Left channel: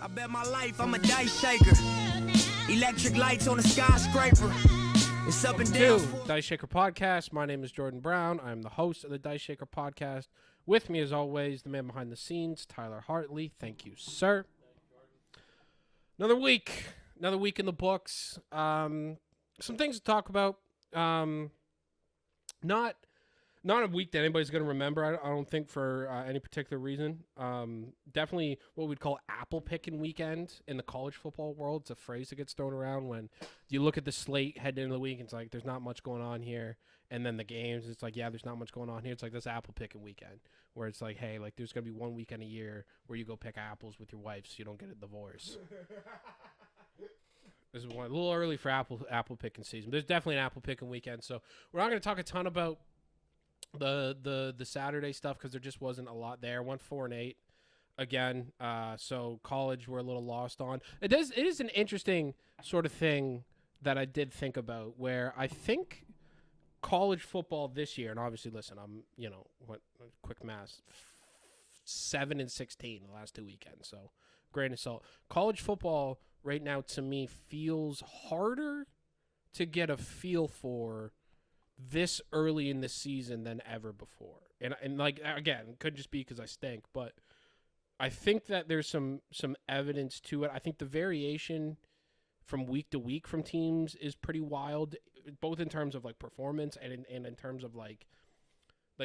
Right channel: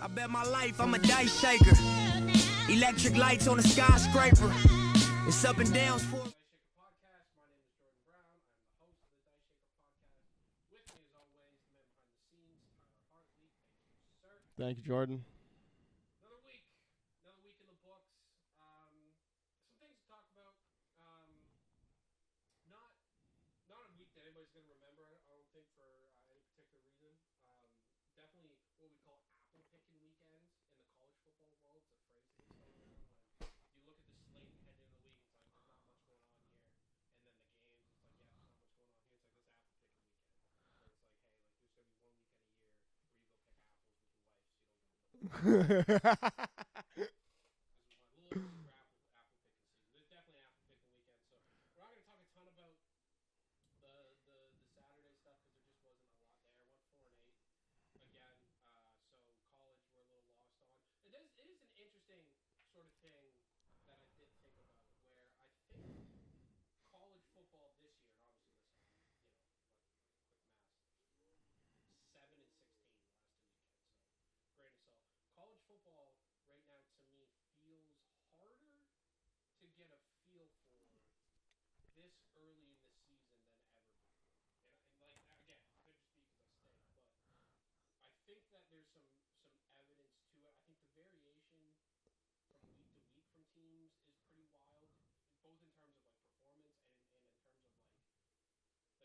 I bet my life I'm a dice shaker. Electric lights on a skyscraper. It's up and down. Diceshaker Podcast. My name is Jordan Brown. I'm the host of the Diceshaker Podcast. With me, as always, the man behind the scenes, Tyler Hartley. Thank you, sir. Thank you, Jordan. Another week in the books. Some things to talk about. Not a week that anybody's going to remember, I don't think, for any particular reason. Definitely what we'd call apple picking weekend in the college football world. It's a phrase that gets thrown around when you look at the slate heading into the week. It's like, there's not much going on here. And then the games, it's like, yeah, there's not much going on here. It's like this apple picking weekend where it's like, hey, like there's going to be one weekend a year where you go pick apples with your wife so you don't get a divorce. This is a little early for apple picking season. There's definitely an apple picking weekend. So we're not going to talk a ton about the Saturday stuff because there just wasn't a lot there. Went 4-8 again. So college we're a little lost on. It is an interesting sort of thing that I did think about where I think college football this year, and obviously listen, I'm quick math, 7-16 the last 2 weekends. So grain of salt. College football right now to me feels harder to get a feel for this early in the season than ever before. And like, again, it could just be because I stink, but I think that there's some evidence to it. I think the variation from week to week from teams is pretty wild, both in terms of like performance and in terms of like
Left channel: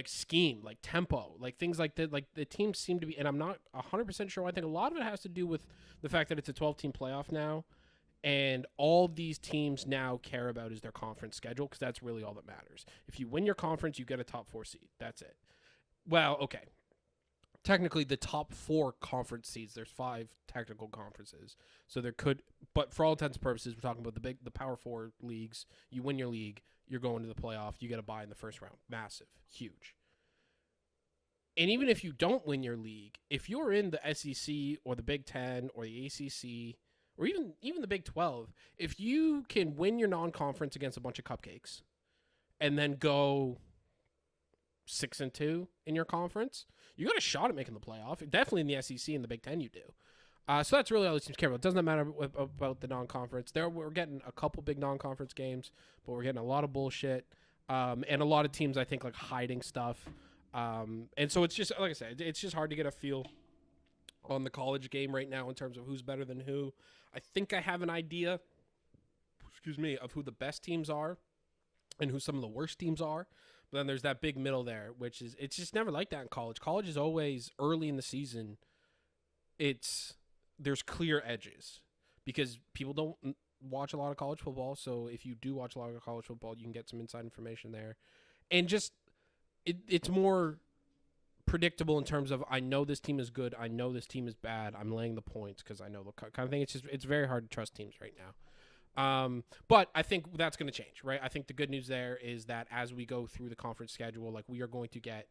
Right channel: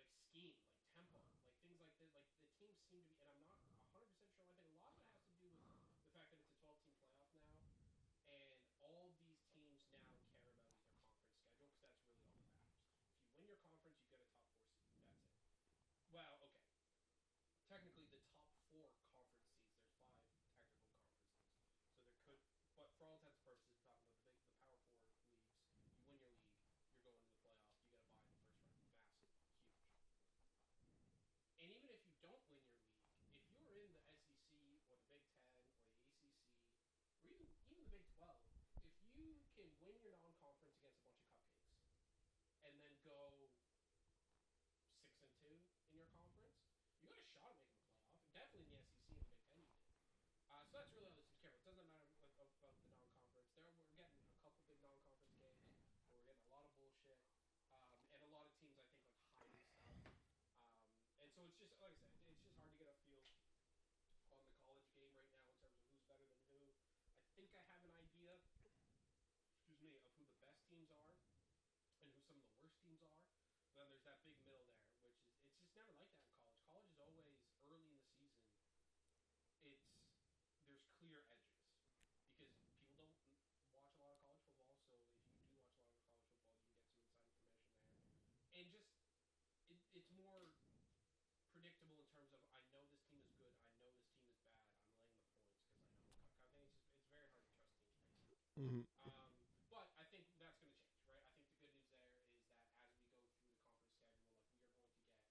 scheme, like tempo, like things like that. Like the teams seem to be, and I'm not 100% sure. I think a lot of it has to do with the fact that it's a 12-team playoff now. And all these teams now care about is their conference schedule because that's really all that matters. If you win your conference, you get a top 4 seed. That's it. Well, okay. Technically, the top 4 conference seeds, there's 5 technical conferences. So there could, but for all intents and purposes, we're talking about the Power 4 leagues. You win your league, you're going to the playoff. You get a bye in the first round. Massive. Huge. And even if you don't win your league, if you're in the SEC or the Big Ten or the ACC or even the Big 12, if you can win your non-conference against a bunch of cupcakes and then go 6-2 in your conference, you got a shot at making the playoff. Definitely in the SEC and the Big Ten you do. So that's really all these teams care about. It doesn't matter about the non-conference. We're getting a couple big non-conference games, but we're getting a lot of bullshit and a lot of teams, I think, like hiding stuff. And so it's just, like I said, it's just hard to get a feel on the college game right now in terms of who's better than who. I think I have an idea, of who the best teams are and who some of the worst teams are. But then there's that big middle there, which is, it's just never like that in college. College is always early in the season. There's clear edges because people don't watch a lot of college football. So if you do watch a lot of college football, you can get some inside information there. And just, it's more predictable in terms of, I know this team is good, I know this team is bad, I'm laying the points because I know the kind of thing. It's very hard to trust teams right now. Mm-hmm. But I think that's going to change, right? I think the good news there is that as we go through the conference schedule, like we are going to get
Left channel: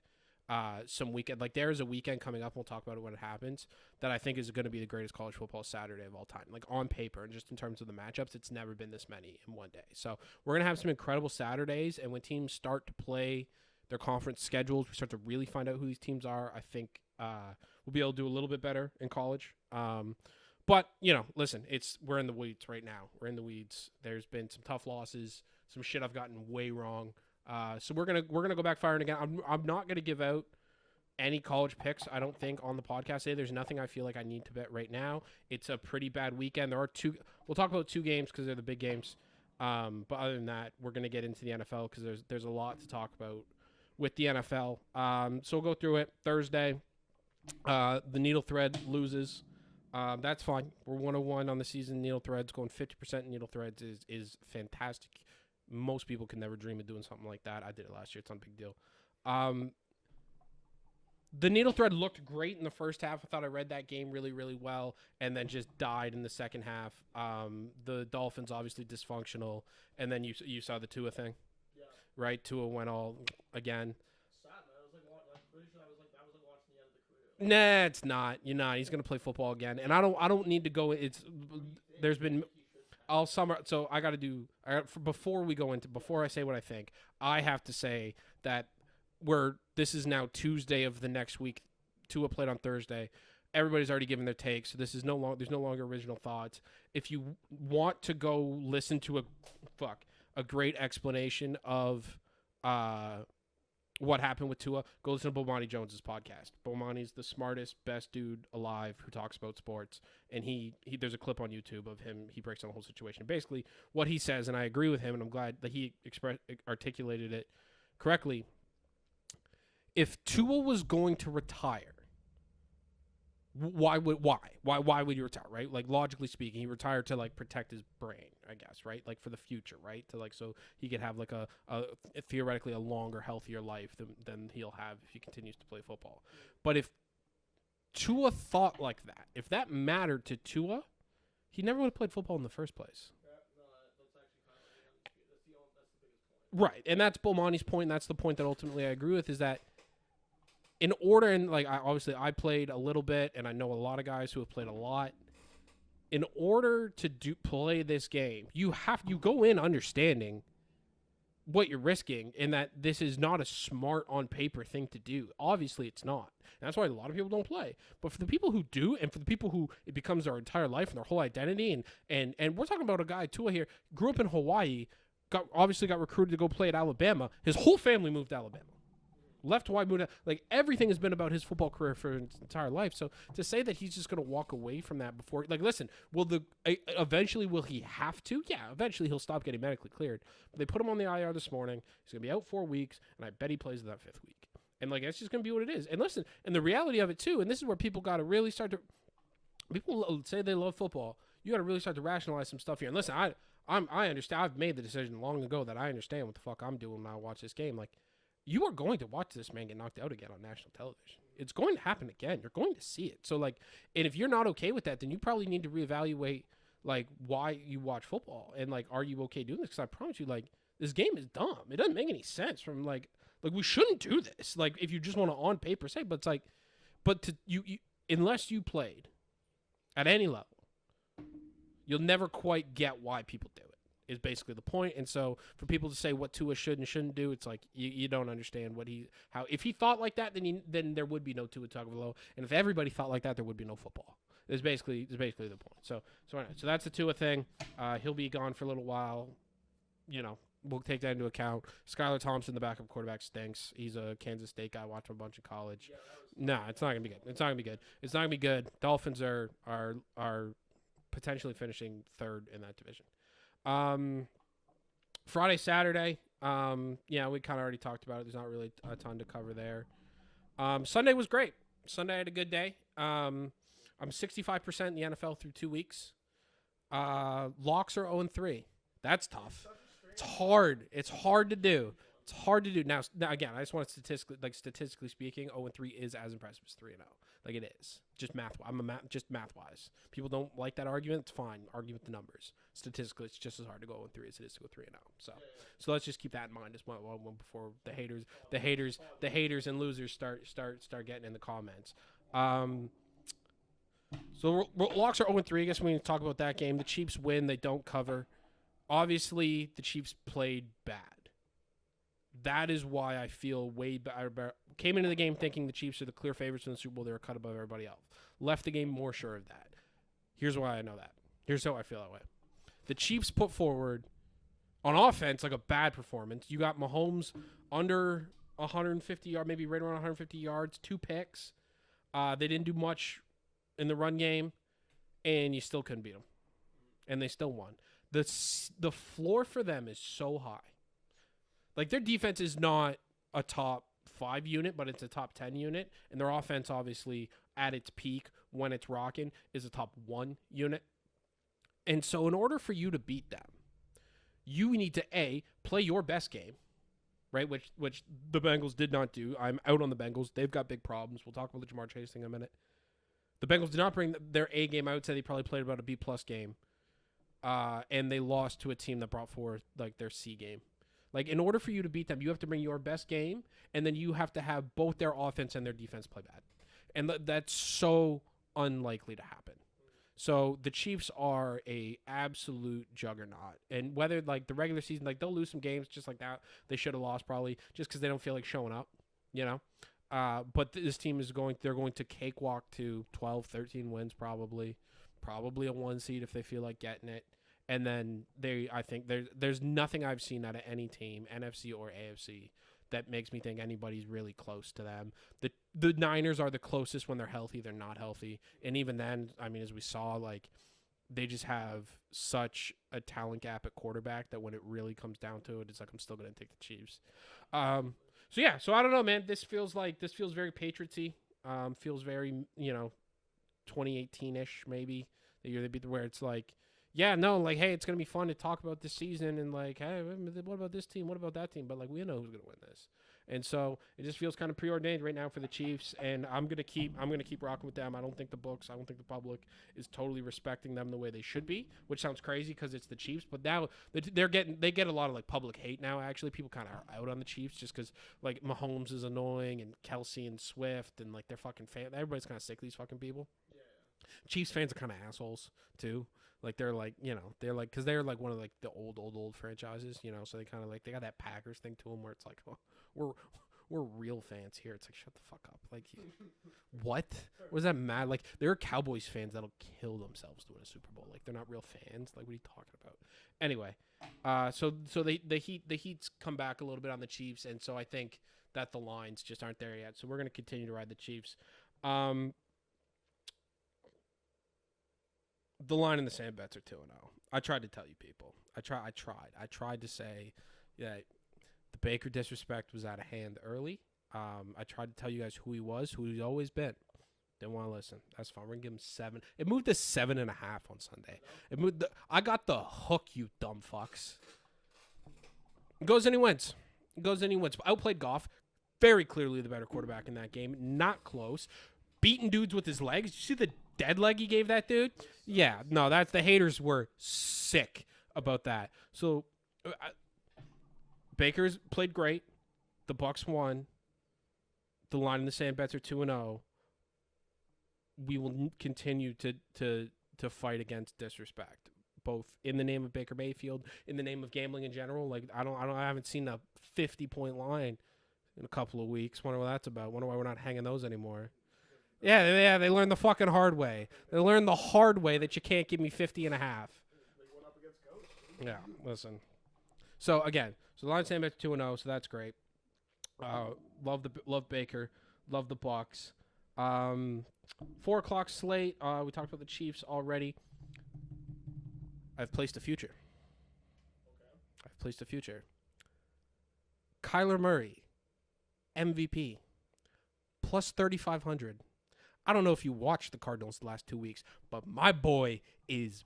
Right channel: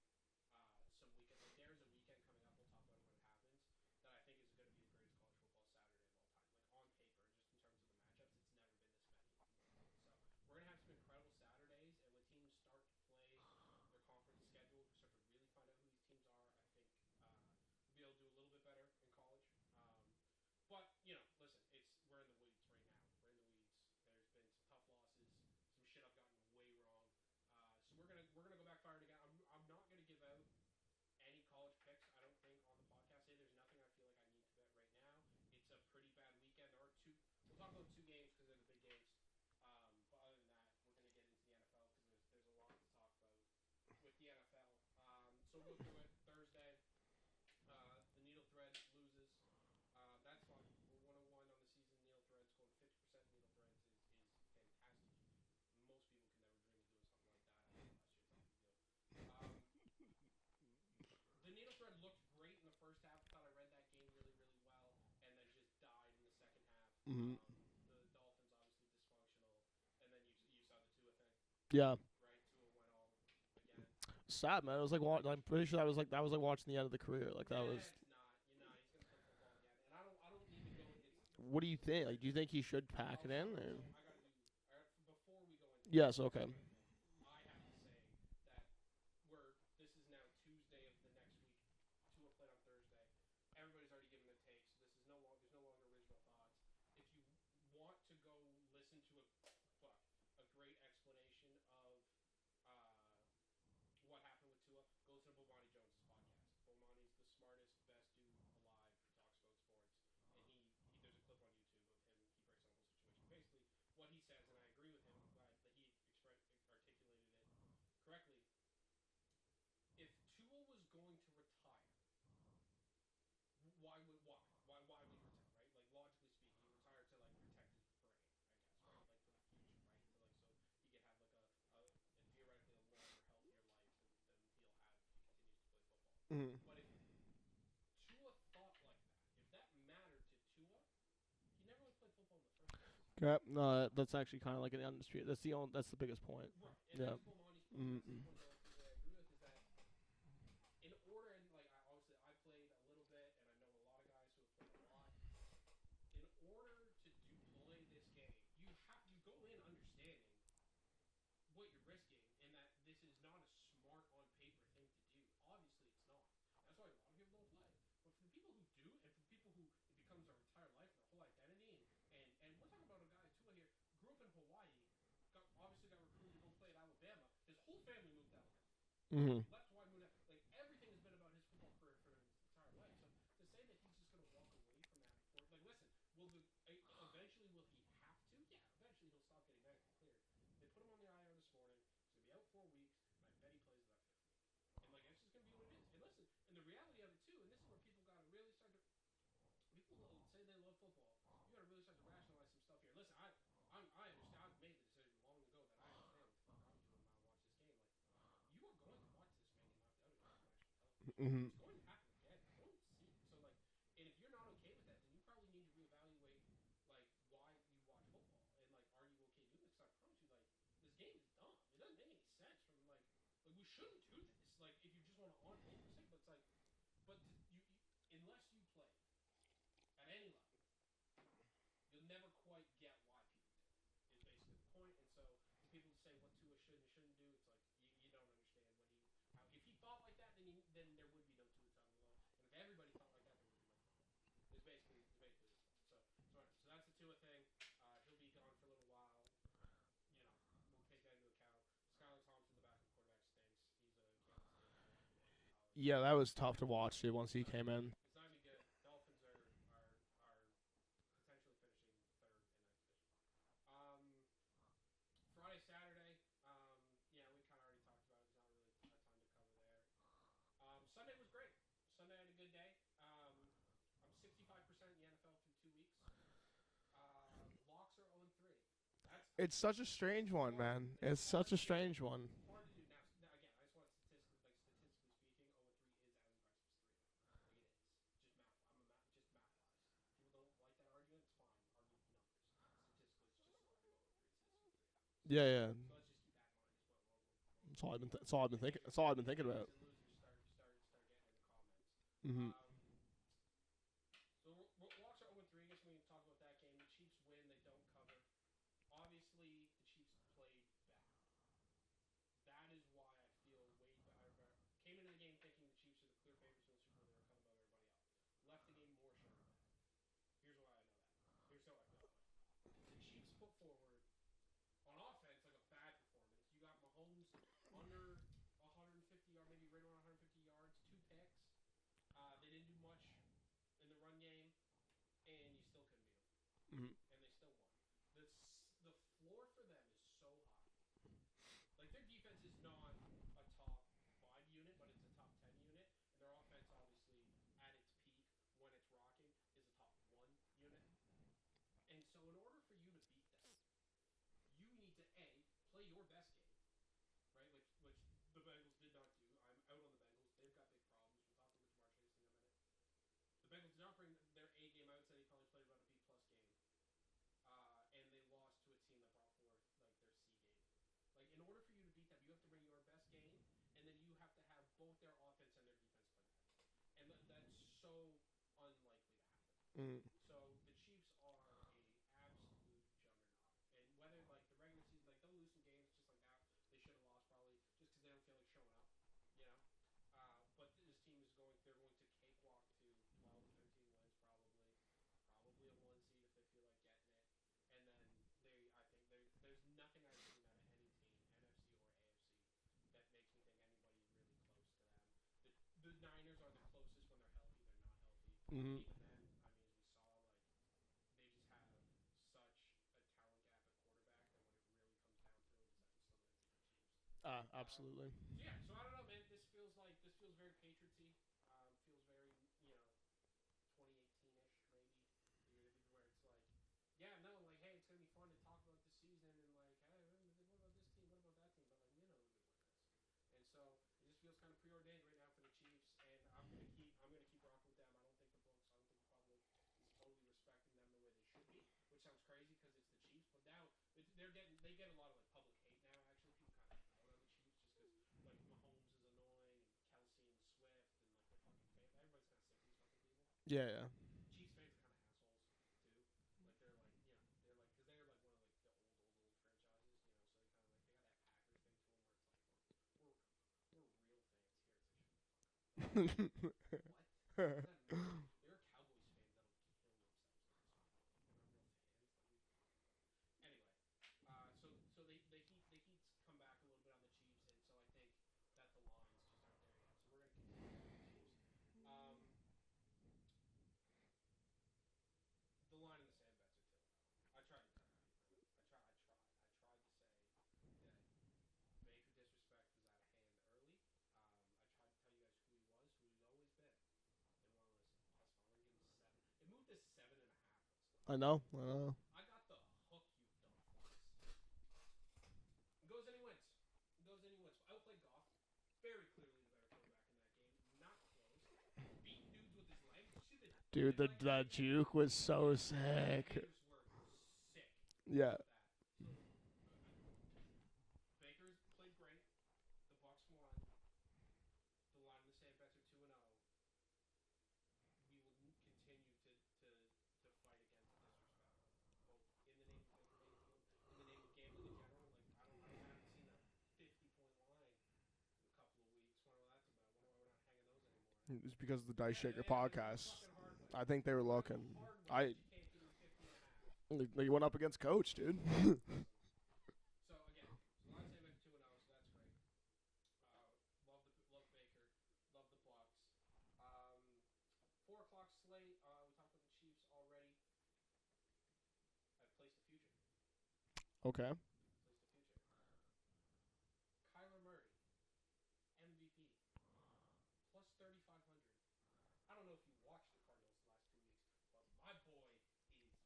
some weekend, like there is a weekend coming up, we'll talk about it when it happens, that I think is going to be the greatest college football Saturday of all time. Like on paper and just in terms of the matchups, it's never been this many in one day. So we're going to have some incredible Saturdays, and when teams start to play their conference schedules, we start to really find out who these teams are. I think we'll be able to do a little bit better in college. But, listen, we're in the weeds right now. We're in the weeds. There's been some tough losses, some shit I've gotten way wrong. So we're gonna go back firing again. I'm not gonna give out any college picks, I don't think, on the podcast today. There's nothing I feel like I need to bet right now. It's a pretty bad weekend. There are we'll talk about 2 games because they're the big games. But other than that, we're gonna get into the NFL because there's a lot to talk about with the NFL. So we'll go through it. Thursday, the Needle Thread loses. That's fine. We're 101 on the season. Needle Threads going 50% Needle Threads is fantastic. Most people can never dream of doing something like that. I did it last year. It's not a big deal. The Needle Thread looked great in the first half. I thought I read that game really, really well, and then just died in the second half. Mm-hmm. The Dolphins obviously dysfunctional, and then you saw the Tua thing. Yeah. Right? Tua went all again. Sad, man. It was like, I'm pretty sure that was like watching the end of the career. Like, nah, it's not. You're not. He's gonna play football again, and I don't need to go. What do you think? There's do you been. think he should pass? I'll summer. So I got to do. Before we go into I say what I think, I have to say that this is now Tuesday of the next week. Tua played on Thursday. everybody's already given their take, so this is there's no longer original thoughts. If you want to go listen to a great explanation of what happened with Tua, go listen to Bomani Jones's podcast. Bomani's the smartest, best dude alive who talks about sports, and he there's a clip on YouTube of him. He breaks down the whole situation. Basically, what he says, and I agree with him, and I'm glad that he articulated it correctly. If Tua was going to retire, why would you retire, right? Like, logically speaking, he retired to like protect his brain, I guess, right? Like for the future, right? To like so he could have like a theoretically a longer, healthier life than he'll have if he continues to play football. But if Tua thought like that, if that mattered to Tua, he never would have played football in the first place. Yep. No, that's actually kind of like an industry. That's the biggest point. Right, and that's Bomani's point, and that's the point that ultimately I agree with, is that in order, and like I played a little bit, and I know a lot of guys who have played a lot. In order to play this game, you go in understanding what you're risking, and that this is not a smart on paper thing to do. Obviously, it's not. And that's why a lot of people don't play. But for the people who do, and for the people who it becomes their entire life and their whole identity, and we're talking about a guy, Tua here, grew up in Hawaii, got recruited to go play at Alabama. His whole family moved to Alabama. Left Hawaii, moved out. Like, everything has been about his football career for his entire life. So to say that he's just going to walk away from that before, like, listen, eventually will he have to? Yeah, eventually he'll stop getting medically cleared. But they put him on the IR this morning. He's going to be out 4 weeks, and I bet he plays that 5th week. And like, that's just going to be what it is. And listen, and the reality of it too, and this is where people got to really start to. People say they love football. You got to really start to rationalize some stuff here. And listen, I understand. I've made the decision long ago that I understand what the fuck I'm doing when I watch this game. Like, you are going to watch this man get knocked out again on national television. It's going to happen again. You're going to see it. So, like, and if you're not okay with that, then you probably need to reevaluate, like, why you watch football. And, like, are you okay doing this? Because I promise you, like, this game is dumb. It doesn't make any sense from, like, we shouldn't do this. Like, if you just want to on paper say, but it's like, unless you played at any level, you'll never quite get why people do it. Is basically the point. And so for people to say what Tua should and shouldn't do, it's like you don't understand how if he thought like that, then there would be no Tua Tagovailoa, and if everybody thought like that, there would be no football. It's basically the point. So that's the Tua thing. He'll be gone for a little while. You know, we'll take that into account. Skylar Thompson, the backup quarterback, stinks. He's a Kansas State guy. Watched him a bunch of college. Yeah, that was tough. No, to it's watch not gonna be. It's not gonna be good. It's not gonna be good. Dolphins are potentially finishing 3rd in that division. Friday, Saturday, yeah, we kind of already talked about it. There's not really a ton to cover there. Sunday was great. Sunday I had a good day. I'm 65% in the NFL through 2 weeks. Locks are 0-3. That's tough. It's such a strange It's one, hard. man. It's hard to do. One. It's hard to do. Now again, I just want to statistically speaking, 0-3 is as impressive as 3-0. Like, it is. Just math. Just math-wise. People don't like that argument. It's fine. Argue with the numbers. Statistically, it's just as hard to go 0-3 as it is to go 3-0. So, yeah. So let's just keep that in mind as well before the haters and losers start getting in the comments. So locks are 0-3. I guess we need to talk about that game. The Chiefs win. They don't cover. Obviously, the Chiefs played bad. That is why I feel way better. Came into the game thinking the Chiefs are the clear favorites in the Super Bowl. They were cut above everybody else. Left the game more sure of that. Here's why I know that. Here's how I feel that way. The Chiefs put forward, on offense, like a bad performance. You got Mahomes under 150 yards, maybe right around 150 yards, 2 picks. They didn't do much in the run game, and you still couldn't beat them. And they still won. The floor for them is so high. Like, their defense is not a top 5 unit, but it's a top 10 unit. And their offense, obviously, at its peak, when it's rocking, is a top 1 unit. And so in order for you to beat them, you need to, A, play your best game, right, which the Bengals did not do. I'm out on the Bengals. They've got big problems. We'll talk about the Jamar Chase thing in a minute. The Bengals did not bring their A game. I would say they probably played about a B-plus game. And they lost to a team that brought forth, like, their C game. Like, in order for you to beat them, you have to bring your best game, and then you have to have both their offense and their defense play bad. And that's so unlikely to happen. So the Chiefs are a absolute juggernaut. And whether, like, the regular season, like, they'll lose some games just like that. They should have lost probably just because they don't feel like showing up, you know? But this team they're going to cakewalk to 12, 13 wins probably a 1 seed if they feel like getting it. And then I think there's nothing I've seen out of any team, NFC or AFC, that makes me think anybody's really close to them. The Niners are the closest when they're healthy. They're not healthy. Mm-hmm. And even then, I mean, as we saw, like, they just have such a talent gap at quarterback that when it really comes down to it, it's like I'm still going to take the Chiefs. So I don't know, man. This feels very Patriotsy. Feels very, 2018-ish maybe. The year they beat where it's like, yeah, no, like, hey, it's going to be fun to talk about this season and like, hey, what about this team? What about that team? But like, we know who's going to win this. And so it just feels kind of preordained right now for the Chiefs, and I'm gonna keep rocking with them. I don't think the public is totally respecting them the way they should be, which sounds crazy because it's the Chiefs. But now they get a lot of like public hate now. Actually, people kind of are out on the Chiefs just because like Mahomes is annoying and Kelsey and Swift and like they're fucking everybody's kind of sick of these fucking people. Yeah. Chiefs fans are kind of assholes too. Like they're like because they're like one of like the old franchises, so they kind of like they got that Packers thing to them where it's like, oh, we're real fans here. It's like, shut the fuck up. Like, what does that matter? Like, there are Cowboys fans that'll kill themselves to win a Super Bowl. Like, they're not real fans. Like, what are you talking about? Anyway, so the Heat's come back a little bit on the Chiefs, and so I think that the lines just aren't there yet. So we're gonna continue to ride the Chiefs. The line in the sand bets are 2-0. I tried to tell you people. I tried to say that the Baker disrespect was out of hand early. I tried to tell you guys who he was, who he's always been. Didn't want to listen. That's fine. We're gonna give him 7. It moved to 7.5 on Sunday. I know. It moved. I got the hook, you dumb fucks. Goes and he wins. Outplayed Goff. Very clearly the better quarterback in that game. Not close. Beating dudes with his legs. Did you see the dead leg he gave that dude? That's the haters were sick about that. So Baker's played great. The Bucks won. The line in the sand bets are 2-0. We will continue to fight against disrespect, both in the name of Baker Mayfield, in the name of gambling in general. Like I haven't seen a 50-point line in a couple of weeks. Wonder what that's about. Wonder why we're not hanging those anymore. It's because of the they learned the fucking hard way. They learned the hard way that you can't give me 50.5. You went up against Coach, dude. Yeah, listen. So again, the line stand at 2-0, so that's great. Love Baker, love the Bucks. 4:00 slate. We talked about the Chiefs already. I've placed a future. Okay. I've placed a future. Kyler Murray, MVP, plus 3,500. I don't know if you watched the Cardinals the last 2 weeks, but my boy is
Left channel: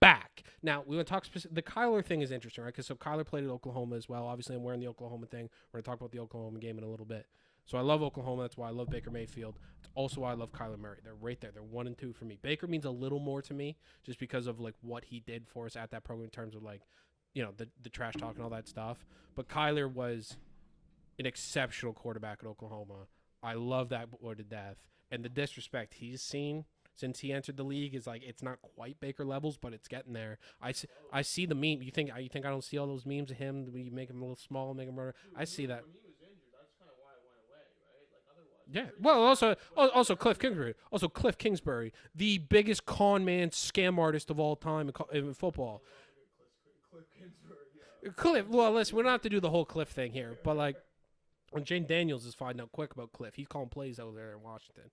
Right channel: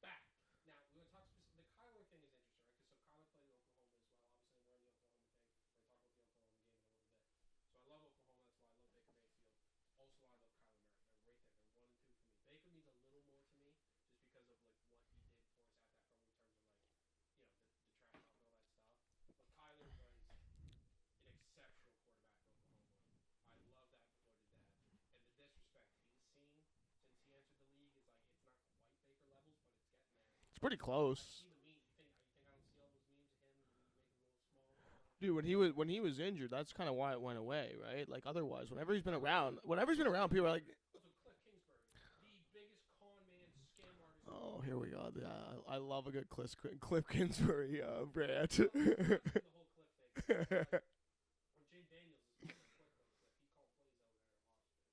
back. Now, we want to talk specific. The Kyler thing is interesting, right? Because so Kyler played at Oklahoma as well. Obviously, I'm wearing the Oklahoma thing. We're going to talk about the Oklahoma game in a little bit. So I love Oklahoma. That's why I love Baker Mayfield. It's also why I love Kyler Murray. They're right there. They're 1 and 2 for me. Baker means a little more to me just because of like what he did for us at that program in terms of like, the trash talk and all that stuff. But Kyler was an exceptional quarterback at Oklahoma. I love that boy to death. And the disrespect he's seen since he entered the league is like, it's not quite Baker levels, but it's getting there. It's pretty close. I see the meme. You think I don't see all those memes of him? We make him a little small, make him run. Dude, I see that. When he was injured, that's kind of why it went away, right? Like otherwise, yeah. Well, also Cliff Kingsbury. Also Cliff Kingsbury, the biggest con man, scam artist of all time in football. I love a good Cliff Kingsbury. Cliff. Well, listen, we don't have to do the whole Cliff thing here, but like, when Jane Daniels is finding out quick about Cliff, he's calling plays over there in Washington.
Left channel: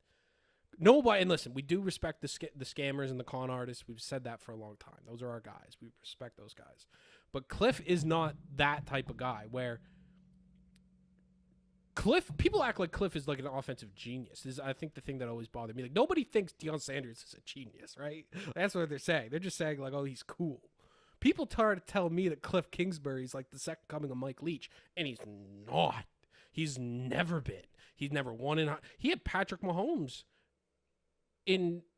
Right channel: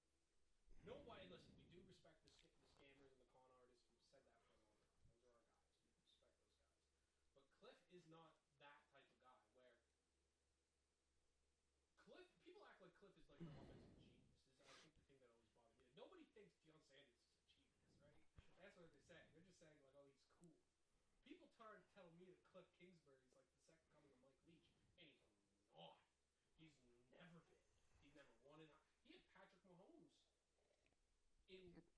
Nobody, and listen, we do respect the scammers and the con artists. We've said that for a long time. Those are our guys. We respect those guys. But Cliff is not that type of guy where people act like Cliff is like an offensive genius. This is, I think, the thing that always bothered me. Like, nobody thinks Deion Sanders is a genius, right? That's what they're saying. They're just saying, like, oh, he's cool. People try to tell me that Cliff Kingsbury is like the second coming of Mike Leach, and he's not. He's never been. He's never won in. He had Patrick Mahomes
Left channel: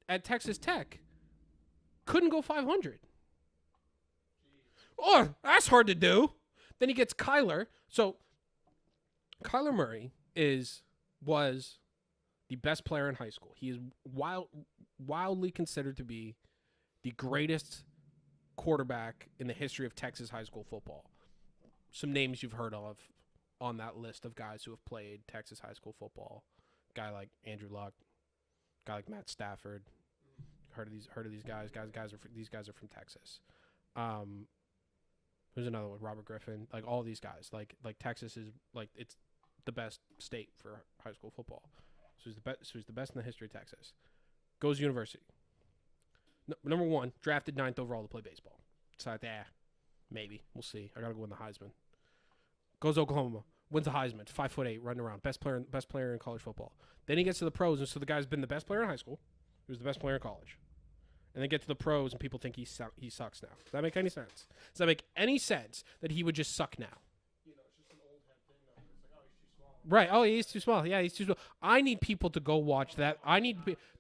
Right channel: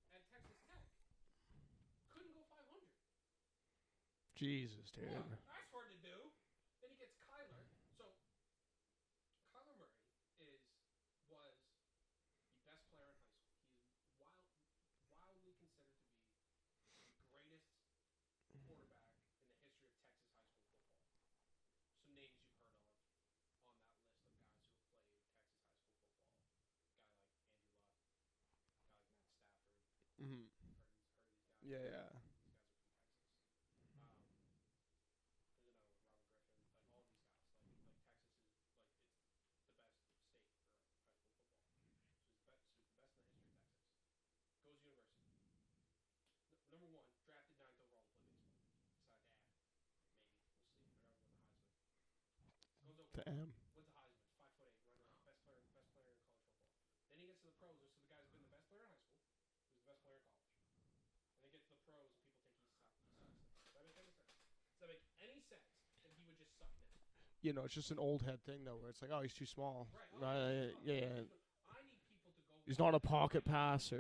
at Texas Tech. Couldn't go 500. Jesus. Oh, that's hard to do. Then he gets Kyler. So Kyler Murray was the best player in high school. He is wildly considered to be the greatest quarterback in the history of Texas high school football. Some names you've heard of. on that list of guys who have played Texas high school football. Guy like Andrew Luck, guy like Matt Stafford. Mm-hmm. Heard of these guys? Yeah, These guys are from Texas. Who's another one? Robert Griffin. Like all these guys. Like Texas is like it's the best state for high school football. So he's the best in the history of Texas. Goes to university. Number 1, drafted 9th overall to play baseball. It's like, maybe we'll see. I gotta go win the Heisman. Goes to Oklahoma, wins the Heisman. 5'8", running around, best player in college football. Then he gets to the pros, and so the guy's been the best player in high school. He was the best player in college, and then get to the pros, and people think he sucks now. Does that make any sense? Does that make any sense that he would just suck now? You know, it's just an old head thing though, where it's like, oh, he's too small. Right. Oh, he's too small. Yeah, he's too small. I need people to go watch that. I need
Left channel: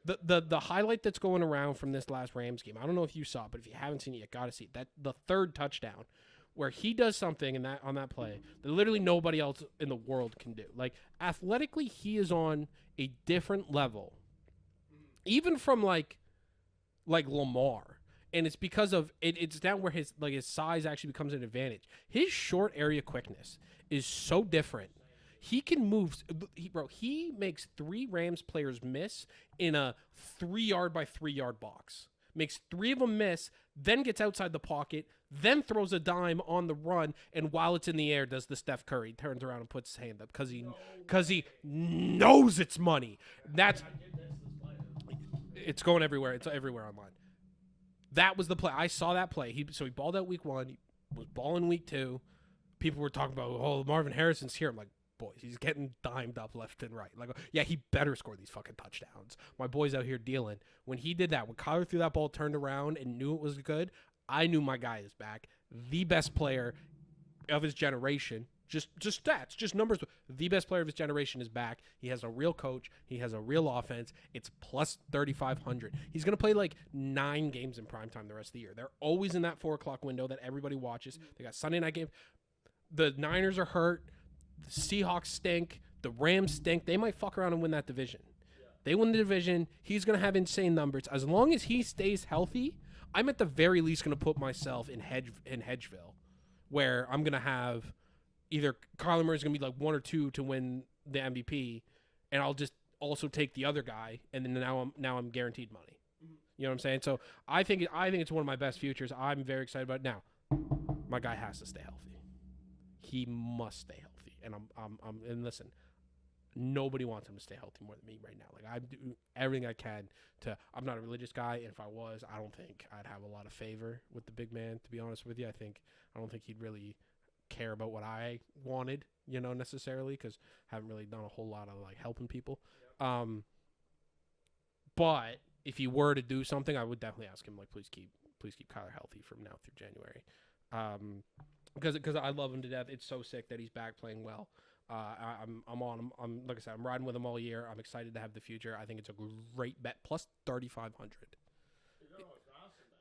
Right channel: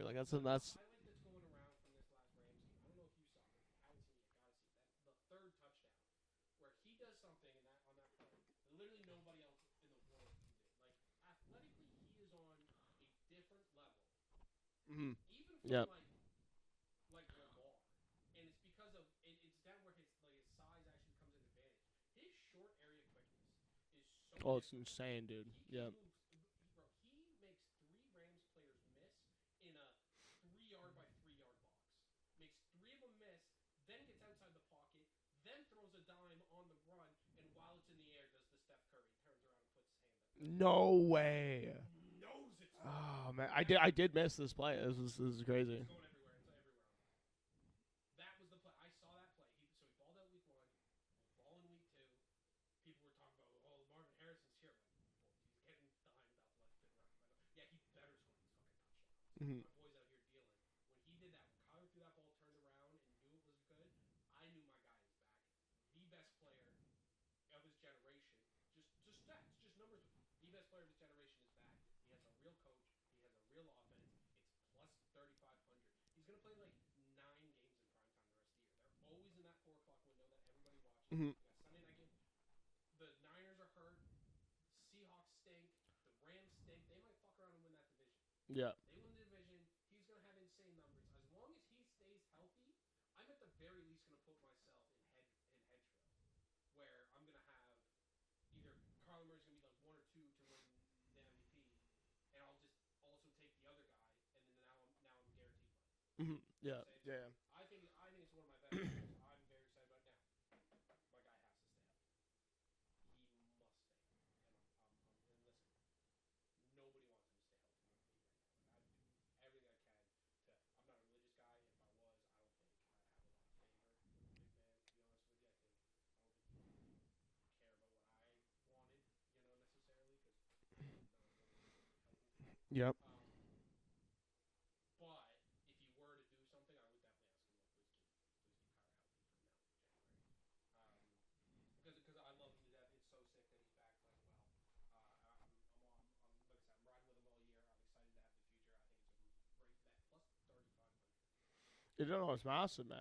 the highlight that's going around from this last Rams game. I don't know if you saw it, but if you haven't seen it, you gotta see it. That the third touchdown, where he does something on that play that literally nobody else in the world can do. Like athletically, he is on a different level, even from like Lamar. And it's because of it. It's down where his size actually becomes an advantage. His short area quickness is so different. Insane, dude. He can move. He makes 3 Rams players miss in a 3-yard by 3-yard box. Makes 3 of them miss, then gets outside the pocket, then throws a dime on the run, and while it's in the air, does the Steph Curry, turns around and puts his hand up because he knows it's money. Oh, I did miss this play. This is great. It's going everywhere. It's everywhere online. That was the play. I saw that play. He balled out week 1. He was balling week 2. People were talking about, oh, Marvin Harrison's here. I'm like, boys, he's getting dimed up left and right. Like, yeah, he better score these fucking touchdowns. My boy's out here dealing. When he did that, when Kyler threw that ball, turned around, and knew it was good, I knew my guy is back. The best player of his generation. Just stats, just numbers. The best player of his generation is back. He has a real coach. He has a real offense. It's plus 3,500. He's going to play like 9 games in primetime the rest of the year. They're always in that 4 o'clock window that everybody watches. They got Sunday night game. The Niners are hurt. The Seahawks stink. The Rams stink. They might fuck around and win that division. Yeah. They win the division. He's going to have insane numbers. As long as he stays healthy, I'm at the very least going to put myself in Hedgeville, where I'm going to have either Kyler Murray's going to be like 1 or 2 to win the MVP, and I'll just also take the other guy, and then now I'm guaranteed money. You know what I'm saying? So I think it's one of my best futures. I'm very excited about it. Now, my guy has to stay healthy. He must stay healthy, and and listen, nobody wants him to stay healthy more than me right now. Like I do everything I can to. I'm not a religious guy, and if I was, I don't think I'd have a lot of favor with the big man. To be honest with you, I don't think he'd really care about what I wanted, necessarily, because I haven't really done a whole lot on like helping people. Yep. But if he were to do something, I would definitely ask him like, please keep Kyler healthy from now through January. Because I love him to death. It's so sick that he's back playing well. I'm on him. I'm like I said, I'm riding with him all year. I'm excited to have the future. I think it's a great bet. Plus 3,500. You don't know, it's massive, man.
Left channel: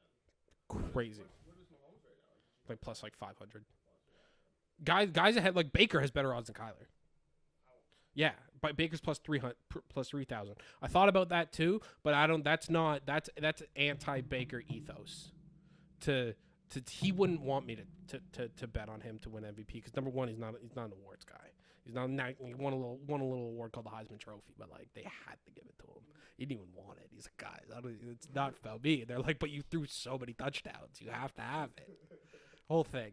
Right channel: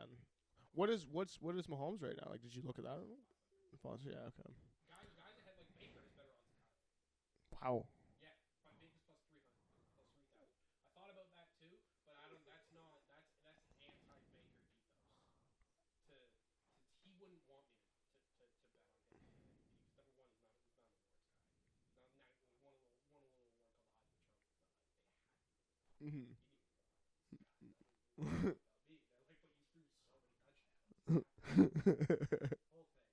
Crazy. What is Mahomes right now? Like, did you look at plus that? like 500? Yeah, okay. Guys ahead, like Baker has better odds than Kyler. Wow. Yeah, but Baker's plus 3,000. I thought about that too, but I don't. That's anti-Baker ethos. He wouldn't want me to bet on him to win MVP because number one, he's not an awards guy. He's not. He won a little award called the Heisman Trophy, but like they had to give it to him. He didn't even want it. He's like, guys, it's not about me. They're like, but you threw so many touchdowns, you have to have it. Whole thing.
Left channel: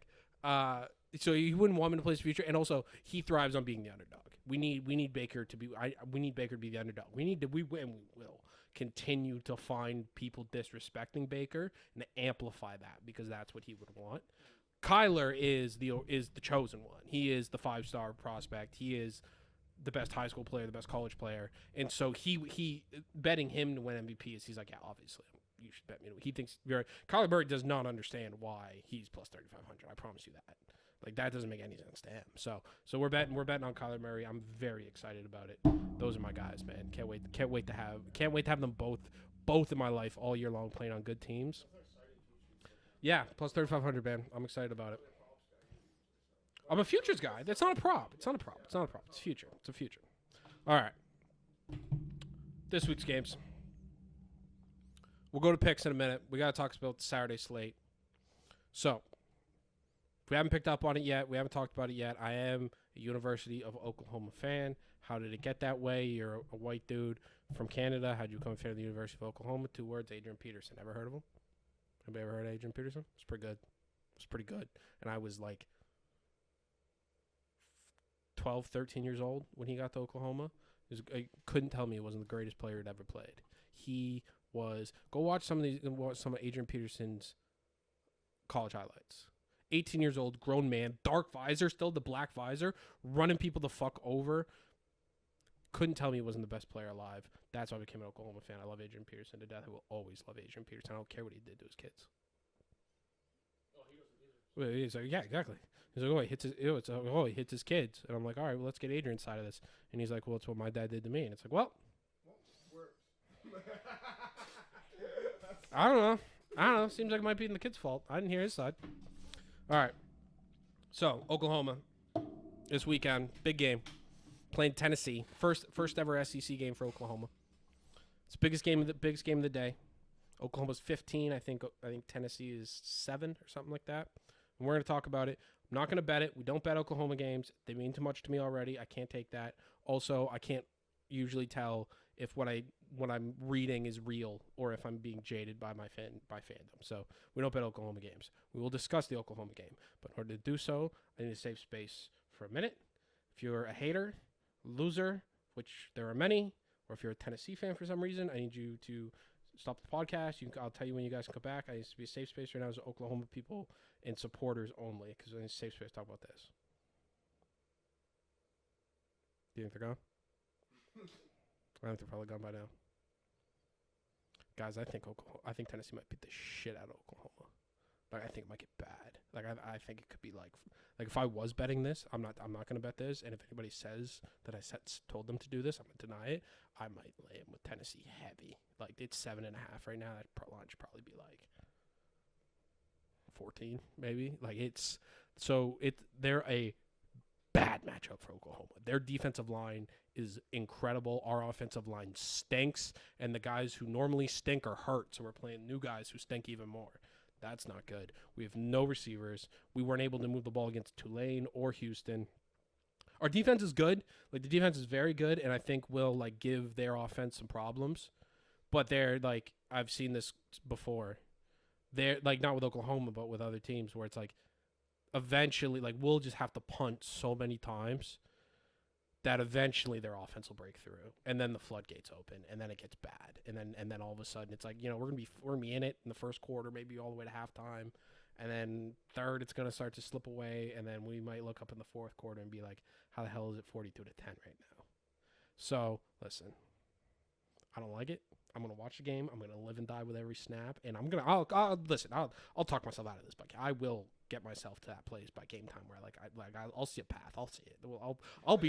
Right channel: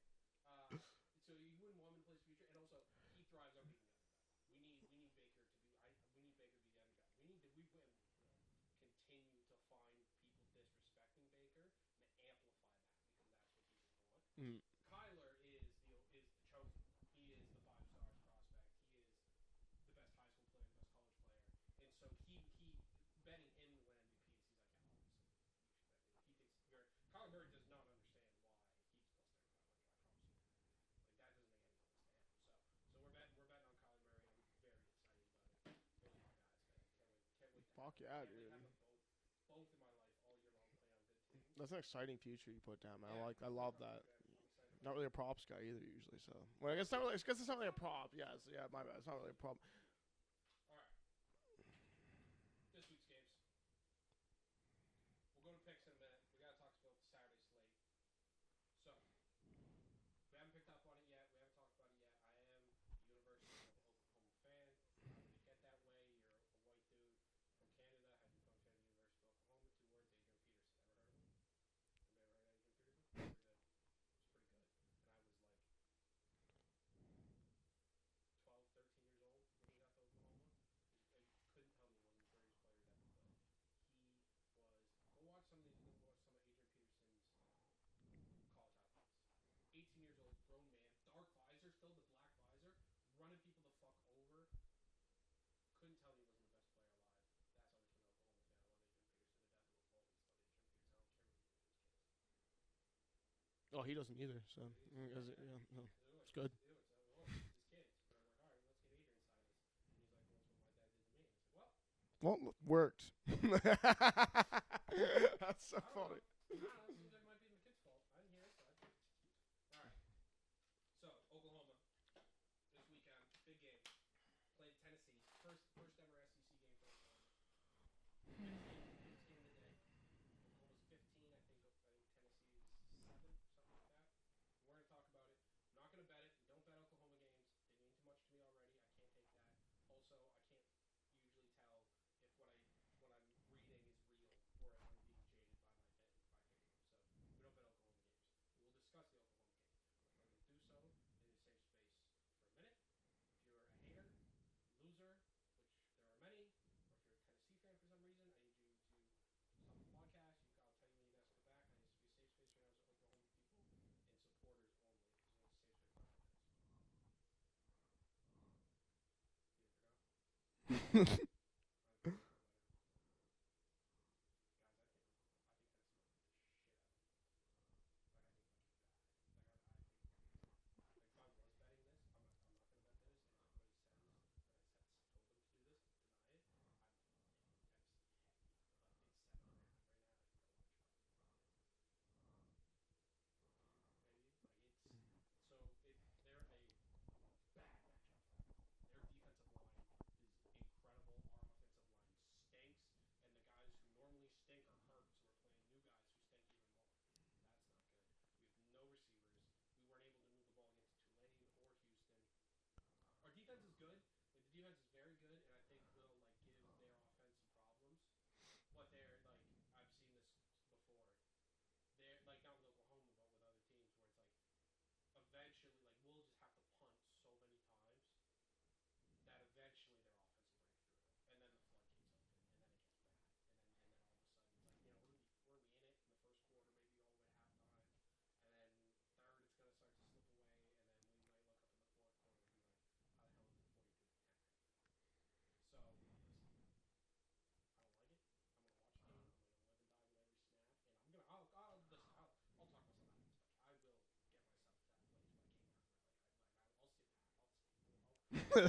So he wouldn't want me to play his future, and also he thrives on being the underdog. We need Baker to be. We need Baker to be the underdog. We will continue to find people disrespecting Baker and to amplify that because that's what he would want. Kyler is the chosen one. He is the 5-star prospect. He is the best high school player, the best college player, and so he betting him to win MVP is he's like, yeah, obviously you should bet me. He thinks Kyler Murray does not understand why he's plus 3,500. I promise you that. Like that doesn't make any sense to him. So we're betting on Kyler Murray. I'm very excited about it. Those are my guys, man. Can't wait to have them both in my life all year long playing on good teams. That's an exciting future you put down. Yeah, plus 3,500, man. I'm excited about it. Not really a props guy either usually. So I'm a futures guy. That's not a prop. It's not a prop. It's not a prop. It's future. It's a future. All right. This week's games. We'll go to picks in a minute. We got to talk about the Saturday slate. So, if we haven't picked up on it yet, we haven't talked about it yet, I am a University of Oklahoma fan. How did it get that way? You're a white dude from Canada. How'd you become a fan of the University of Oklahoma? 2 words, Adrian Peterson. Ever heard of him? Have you ever heard of Adrian Peterson? It's pretty good. It's pretty good. And I was like 12, 13 years old when he got to Oklahoma. I couldn't tell me he wasn't the greatest player he'd ever played. He was. Go watch some of Adrian Peterson's college highlights. 18 years old, grown man, dark visor, still the black visor, running people the fuck over. Couldn't tell me he wasn't the best player alive. That's why I became an Oklahoma fan. I love Adrian Peterson to death. I will always love Adrian Peterson. I don't care what he did to his kids. Oh, he doesn't either. So he's like, yeah, exactly. He's like, he hits his kids. And I'm like, all right, well, let's get Adrian's side of this. And he's like, well, it's what my dad did to me. And it's like, well, worked. I don't know. Seems like it might be the kid's fault. I didn't hear his side. All right. So, Oklahoma this weekend, big game. Playing Tennessee. First ever SEC game for Oklahoma. It's the biggest game of the day. Oklahoma's 15. I think Tennessee is 7 or something like that. And we're going to talk about it. I'm not going to bet it. We don't bet Oklahoma games. They mean too much to me already. I can't take that. Also, I can't usually tell if what I'm reading is real or if I'm being jaded by fandom. So we don't bet Oklahoma games. We will discuss the Oklahoma game. But in order to do so, I need to save space for a minute. If you're a hater, loser, which there are many, or if you're a Tennessee fan for some reason, I need you to stop the podcast. I'll tell you when you guys can come back. I need to be a safe space right now as Oklahoma people and supporters only, because I need a safe space to talk about this. Do you think they're gone? I think they're probably gone by now. Guys, I think Tennessee might beat the shit out of Oklahoma. Like, I think it might get bad. Like, I think it could be like if I was betting this, I'm not gonna bet this. And if anybody says that I told them to do this, I'm gonna deny it. I might lay them with Tennessee heavy. Like, it's 7.5 right now. That line should probably be like 14, maybe. Like, they're a bad matchup for Oklahoma. Their defensive line is incredible. Our offensive line stinks, and the guys who normally stink are hurt, so we're playing new guys who stink even more. That's not good. We have no receivers. We weren't able to move the ball against Tulane or Houston. Our defense is good. Like, the defense is very good, and I think will like give their offense some problems. But they're like, I've seen this before. They're like, not with Oklahoma, but with other teams, where it's like eventually, like, we'll just have to punt so many times that eventually their offense will break through, and then the floodgates open, and then it gets bad, and then all of a sudden it's like, we're gonna be in it in the first quarter, maybe all the way to halftime, and then third it's gonna start to slip away, and then we might look up in the fourth quarter and be like, how the hell is it 42-10 right now? So listen, I don't like it. I'm gonna watch the game. I'm gonna live and die with every snap, and I'll talk myself out of this, but I will get myself to that place by game time where I'll see a path. I'll see it.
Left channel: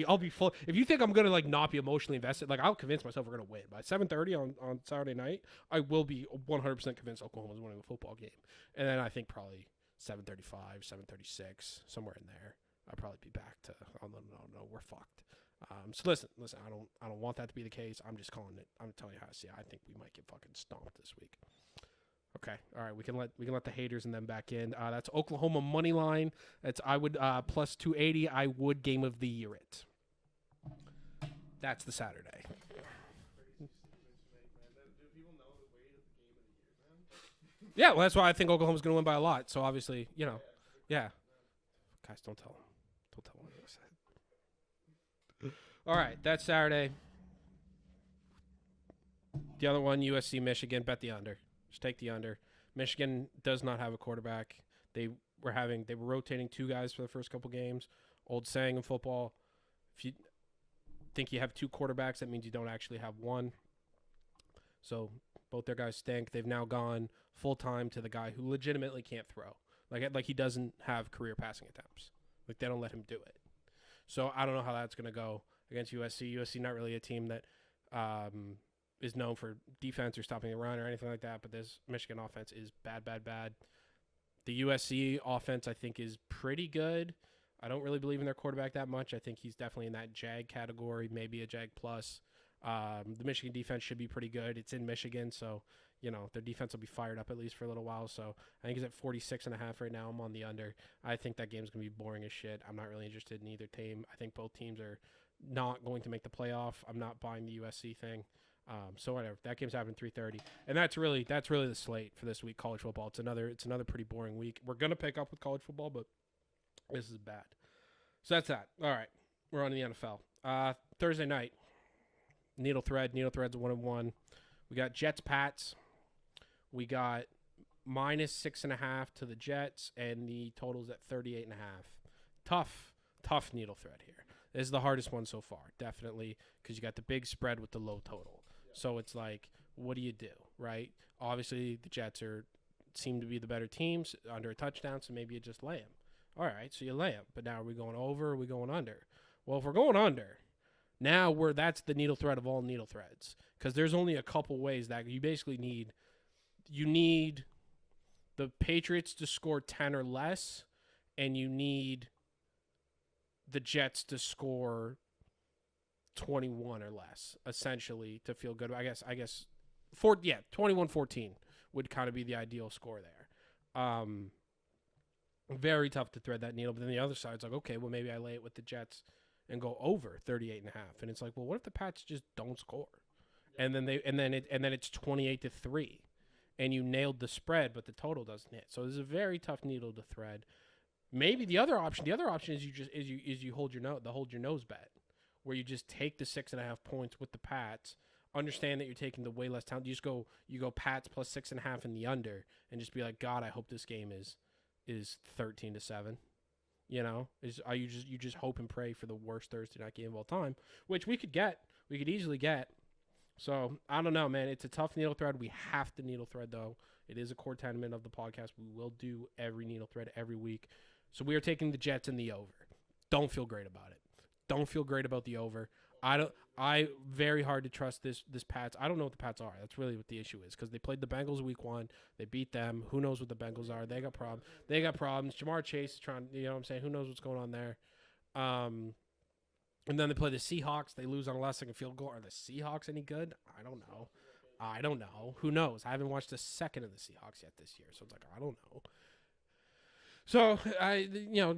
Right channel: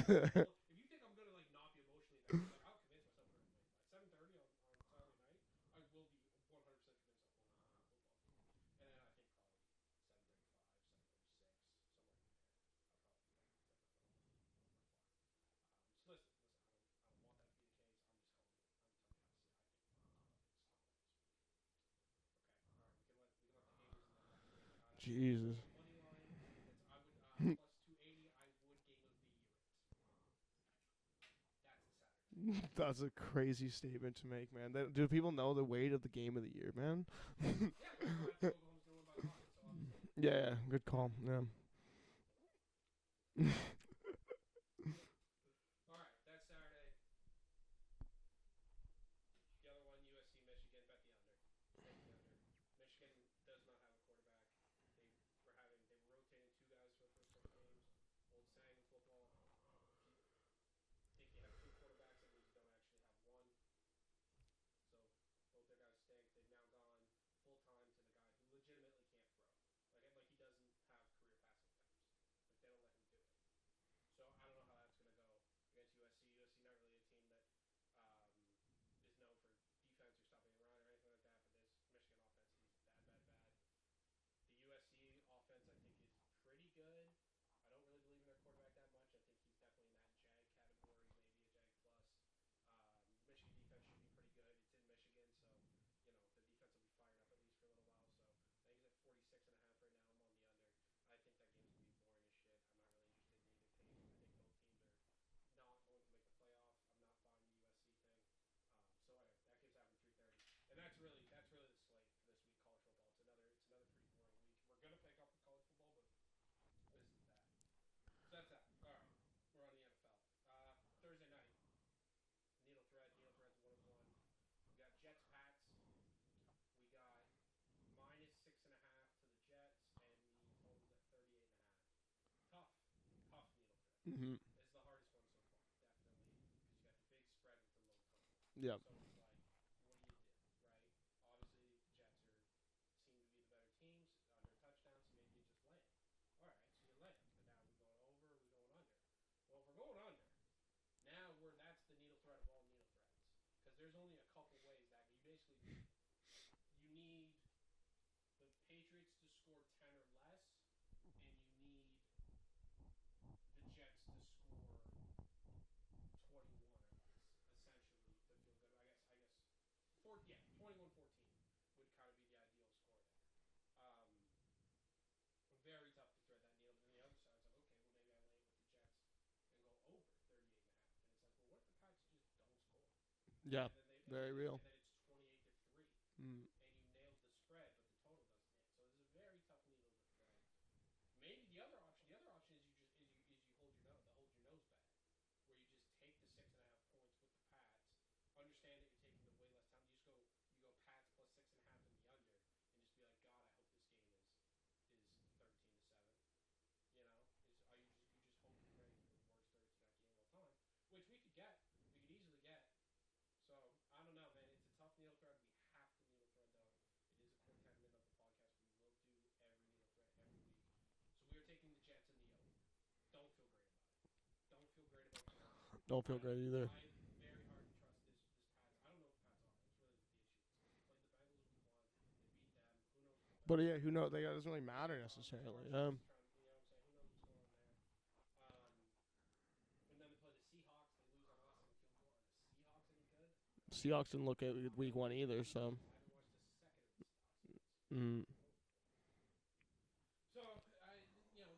I'll be full. If you think I'm gonna like not be emotionally invested, like, I'll convince myself we're gonna win by 7:30 on Saturday night. I will be 100% convinced Oklahoma's winning a football game, and then I think probably 7:35, 7:36, somewhere in there, I'll probably be back to no, we're fucked. So listen, I don't want that to be the case. I'm just calling it. I'm telling you how I see it. I think we might get fucking stomped this week. Okay, all right. We can let the haters and them back in. That's Jesus. Oklahoma money line. That's plus 280. I would game of the year it. That's the Saturday. That's a crazy statement to make, man. Do people know the weight of the game of the year, man? Yeah, well, that's why I think Oklahoma's going to win by a lot. So obviously, you know. Yeah, good call. Yeah. Guys, don't tell them. Don't tell them. All right, that's Saturday. The other one, USC, Michigan, bet the under. Just take the under. Michigan does not have a quarterback. They were rotating 2 guys for the first couple games. Old saying in football, if you think you have 2 quarterbacks, that means you don't actually have one. So both their guys stink. They've now gone full-time to the guy who legitimately can't throw. Like he doesn't have career passing attempts. Like, they don't let him do it. So I don't know how that's going to go against USC. USC not really a team that is known for defense or stopping the run or anything like that, but this Michigan offense is bad. The USC offense, I think, is pretty good. I don't really believe in their quarterback that much. I think he's definitely in that Jag category, maybe a Jag plus. The Michigan defense should be pretty good. It's in Michigan, so their defense will be fired up at least for a little while. So I think it's at 46.5 right now. I'm on the under. I think that game's going to be boring as shit. I'm not really interested in either team. I think both teams are not going to make the playoff. I'm not buying the USC thing. So whatever. That game's happening 3:30. And that's really the slate for this week, college football. It's another pretty boring week. We're going to pick up with college football, but this is bad. So that's that. All right. We're on to the NFL. Thursday night. Needle Thread's 1-1. We got Jets Pats. We got -6.5 to the Jets, and the total's at 38.5. Tough needle thread here. Mm-hmm. This is the hardest one so far, definitely, because you got the big spread with the low total. Yep. So it's like, what do you do, right? Obviously, the Jets seem to be the better teams under a touchdown, so maybe you just lay them. All right, so you lay them. But now are we going over or are we going under? Well, if we're going under, now that's the needle thread of all needle threads, because there's only a couple ways that you basically need. You need the Patriots to score 10 or less, and you need the Jets to score 21 or less, essentially, to feel good. I guess 21-14 would kind of be the ideal score there. Very tough to thread that needle. But then the other side's like, okay, well, maybe I lay it with the Jets and go over 38.5. And it's like, well, what if the Pats just don't score? Yeah. And then it's 28-3. And you nailed the spread, but the total doesn't hit. So this is a very tough needle to thread. Maybe the other option is you hold your nose bet, where you just take the 6.5 points with the Pats. Understand that you're taking the way less talent. You go Pats plus 6.5 in the under, and just be like, God, I hope this game is 13-7. You just hope and pray for the worst Thursday night game of all time, which we could easily get. So, I don't know, man. It's a tough needle thread. We have to needle thread, though. It is a core tenement of the podcast. We will do every needle thread every week. So, we are taking the Jets in the over. Don't feel great about it. Don't feel great about the over. Very hard to trust this Pats. I don't know what the Pats are. That's really what the issue is, because they played the Bengals week 1. They beat them. Who knows what the Bengals are? They got problems. Jamar Chase is trying, you know what I'm saying? Who knows what's going on there? And then they play the Seahawks. They lose on a last-second field goal. Are the Seahawks any good? I don't know. Seahawks didn't look at I don't know. Either, Who knows? I haven't watched a second of the Seahawks yet this year, so it's like, I don't know. So,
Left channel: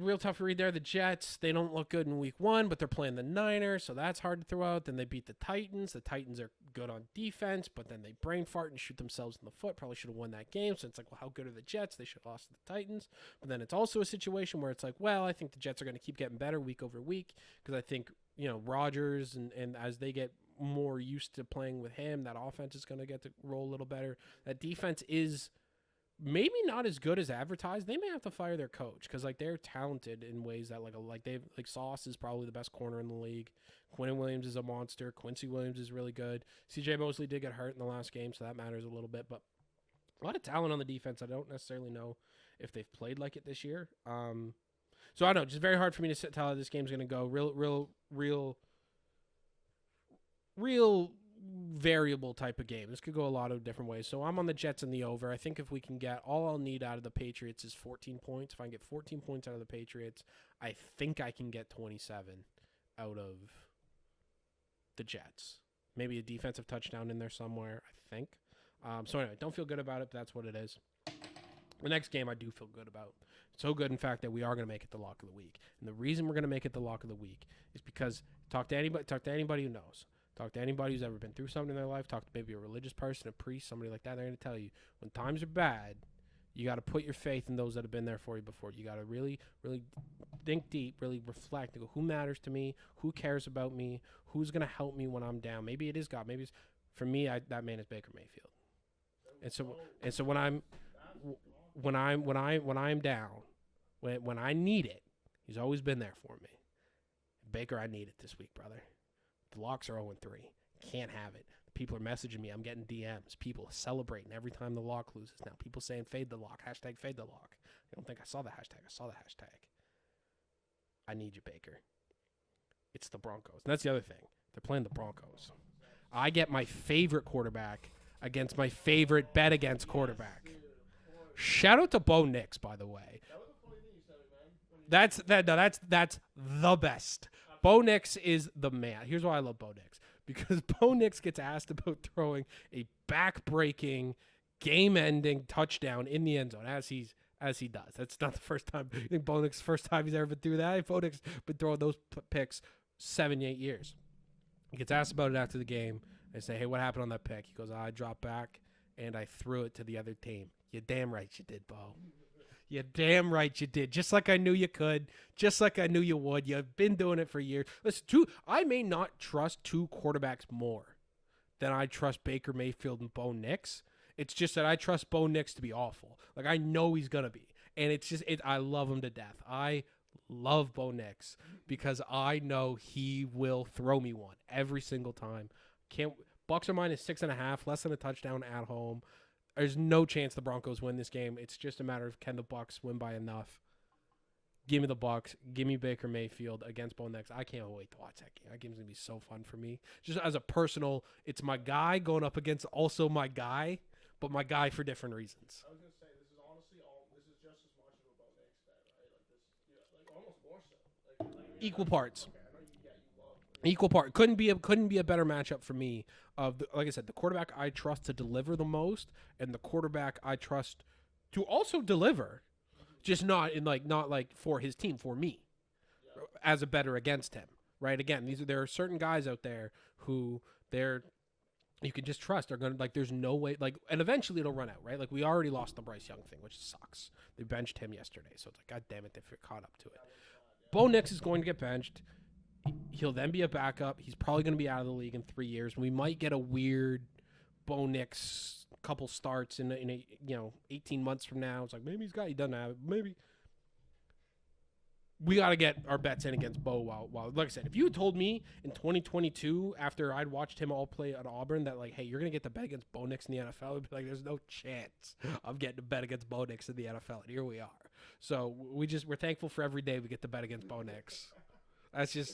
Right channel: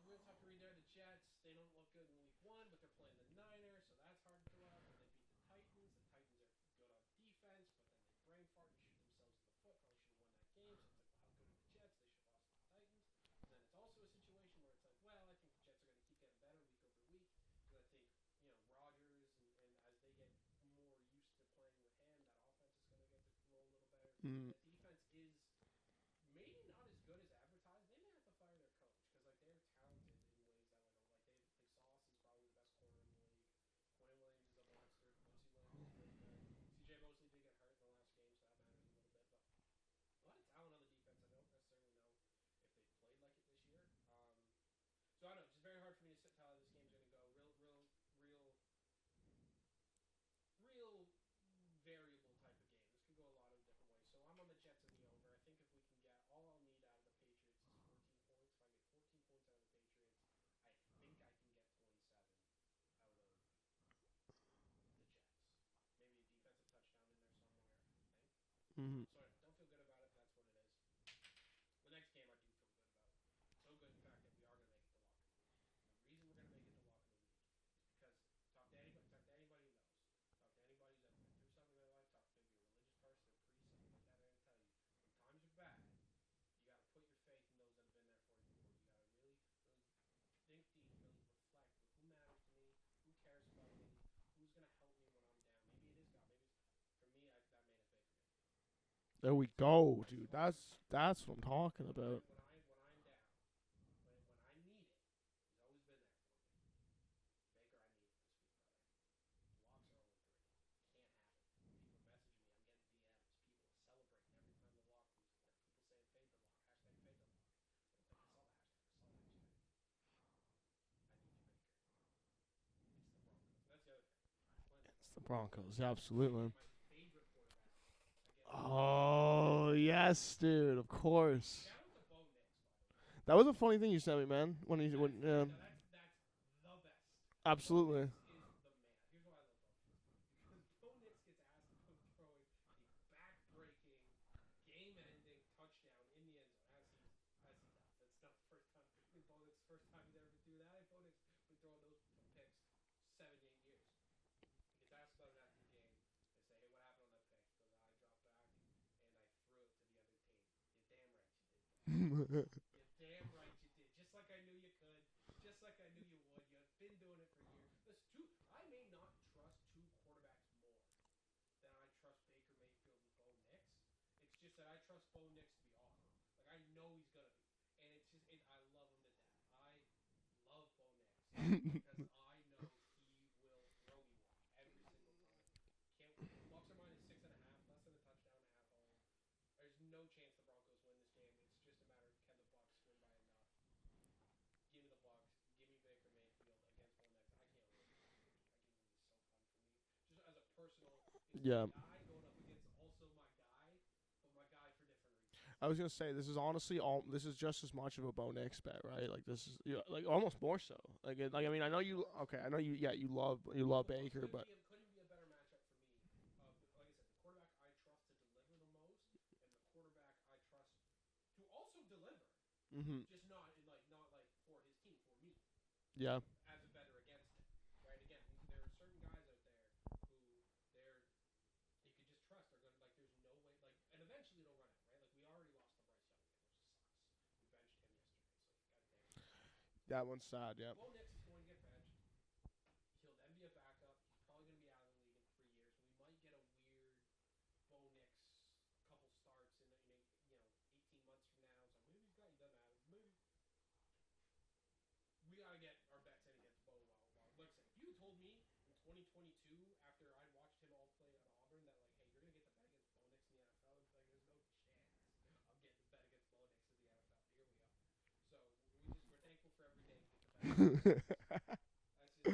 real tough to read there. The Jets, they don't look good in week 1, but they're playing the Niners, so that's hard to throw out. Then they beat the Titans. The Titans are good on defense, but then they brain fart and shoot themselves in the foot. Probably should have won that game. So it's like, well, how good are the Jets? They should have lost to the Titans. But then it's also a situation where it's like, well, I think the Jets are going to keep getting better week over week, because I think, Rodgers and as they get more used to playing with him, that offense is going to get to roll a little better. That defense is maybe not as good as advertised. They may have to fire their coach, because they're talented in ways that Sauce is probably the best corner in the league. Quentin Williams is a monster. Quincy Williams is really good. CJ Mosley did get hurt in the last game, so that matters a little bit. But a lot of talent on the defense. I don't necessarily know if they've played like it this year. So I don't know. Just very hard for me to tell how this game's going to go. Real variable type of game. This could go a lot of different ways. So I'm on the Jets and the over. I think if we can get, all I'll need out of the Patriots is 14 points. If I can get 14 points out of the Patriots, I think I can get 27 out of the Jets. Maybe a defensive touchdown in there somewhere, I think. So anyway, don't feel good about it, but that's what it is. The next game I do feel good about. So good, in fact, that we are going to make it the lock of the week. And the reason we're going to make it the lock of the week is because talk to anybody who knows. Talk to anybody who's ever been through something in their life. Talk to maybe a religious person, a priest, somebody like that. They're going to tell you, when times are bad, you got to put your faith in those that have been there for you before. You got to really, really think deep, really reflect, and go, who matters to me? Who cares about me? Who's going to help me when I'm down? Maybe it is God. Maybe it's, for me, that man is Baker Mayfield. There we go. And so that's what I'm talking about. When I'm down, when I need it, he's always been there for me. Baker, I need it this week, brother. The locks are 0-3. Can't have it. People are messaging me. I'm getting DMs. People celebrating every time the lock loses now. People saying fade the lock. Hashtag fade the lock. I don't think I saw the hashtag. I saw the hashtag. I need you, Baker. It's the Broncos. And that's the other thing. They're playing the Broncos. Absolutely. I get my favorite quarterback against my favorite bet against quarterback. Yes, dude, of course. Shout out to Bo Nix, by the way. That was a funny thing you sent me, man. That's the best. Absolutely. Bo Nix is the man. Here's why I love Bo Nix. Because Bo Nix gets asked about throwing a back-breaking game-ending touchdown in the end zone as he does. That's not the first time. I think Bo Nix, first time he's ever been through that. Bo Nix been throwing those picks 7-8 years. He gets asked about it after the game. They say, hey, what happened on that pick? He goes, I dropped back and I threw it to the other team. You're damn right you did, Bo. You're damn right you did. Just like I knew you could. Just like I knew you would. You've been doing it for years. Listen, I may not trust two quarterbacks more than I trust Baker Mayfield and Bo Nix. It's just that I trust Bo Nix to be awful. Like, I know he's going to be. And it's just, I love him to death. I love Bo Nix because I know he will throw me one every single time. Bucks are minus 6.5, less than a touchdown at home. There's no chance the Broncos win this game. It's just a matter of can the Bucks win by enough. Give me the Bucks. Give me Baker Mayfield against Bo Nix. I can't wait to watch that game. That game's going to be so fun for me. Just as a personal, it's my guy going up against also my guy, but my guy for different reasons. I was gonna say this is honestly this is just as much of a Bo Nix bet, right? Like this is like almost more so. Like I mean, equal I know parts. Okay, I know you. Yeah, you love equal part. Couldn't be a better matchup for me. Like I said, the quarterback I trust to deliver the most, and the quarterback I trust to also deliver, just not for his team, for me. Yeah. As a better against him, right? Again, there are certain guys out there who you can just trust are going to, like, there's no way, like, and eventually it'll run out, right? Like, we already lost the Bryce Young thing, which sucks. They benched him yesterday, so it's like, God damn it, they're caught up to it. That one's sad, yeah. Bo Nix is going to get benched. He'll then be a backup. He's probably going to be out of the league in 3 years. We might get a weird Bo Nix couple starts in 18 months from now. It's like, maybe he doesn't have it. Maybe. We got to get our bets in against Bo while, like I said, if you had told me in 2022, after I'd watched him all play at Auburn, that, like, hey, you're going to get the bet against Bo Nix in the NFL, I'd be like, there's no chance I'm getting to bet against Bo Nix in the NFL. And here we are. So we're thankful for every day we get to bet against Bo Nix. That's just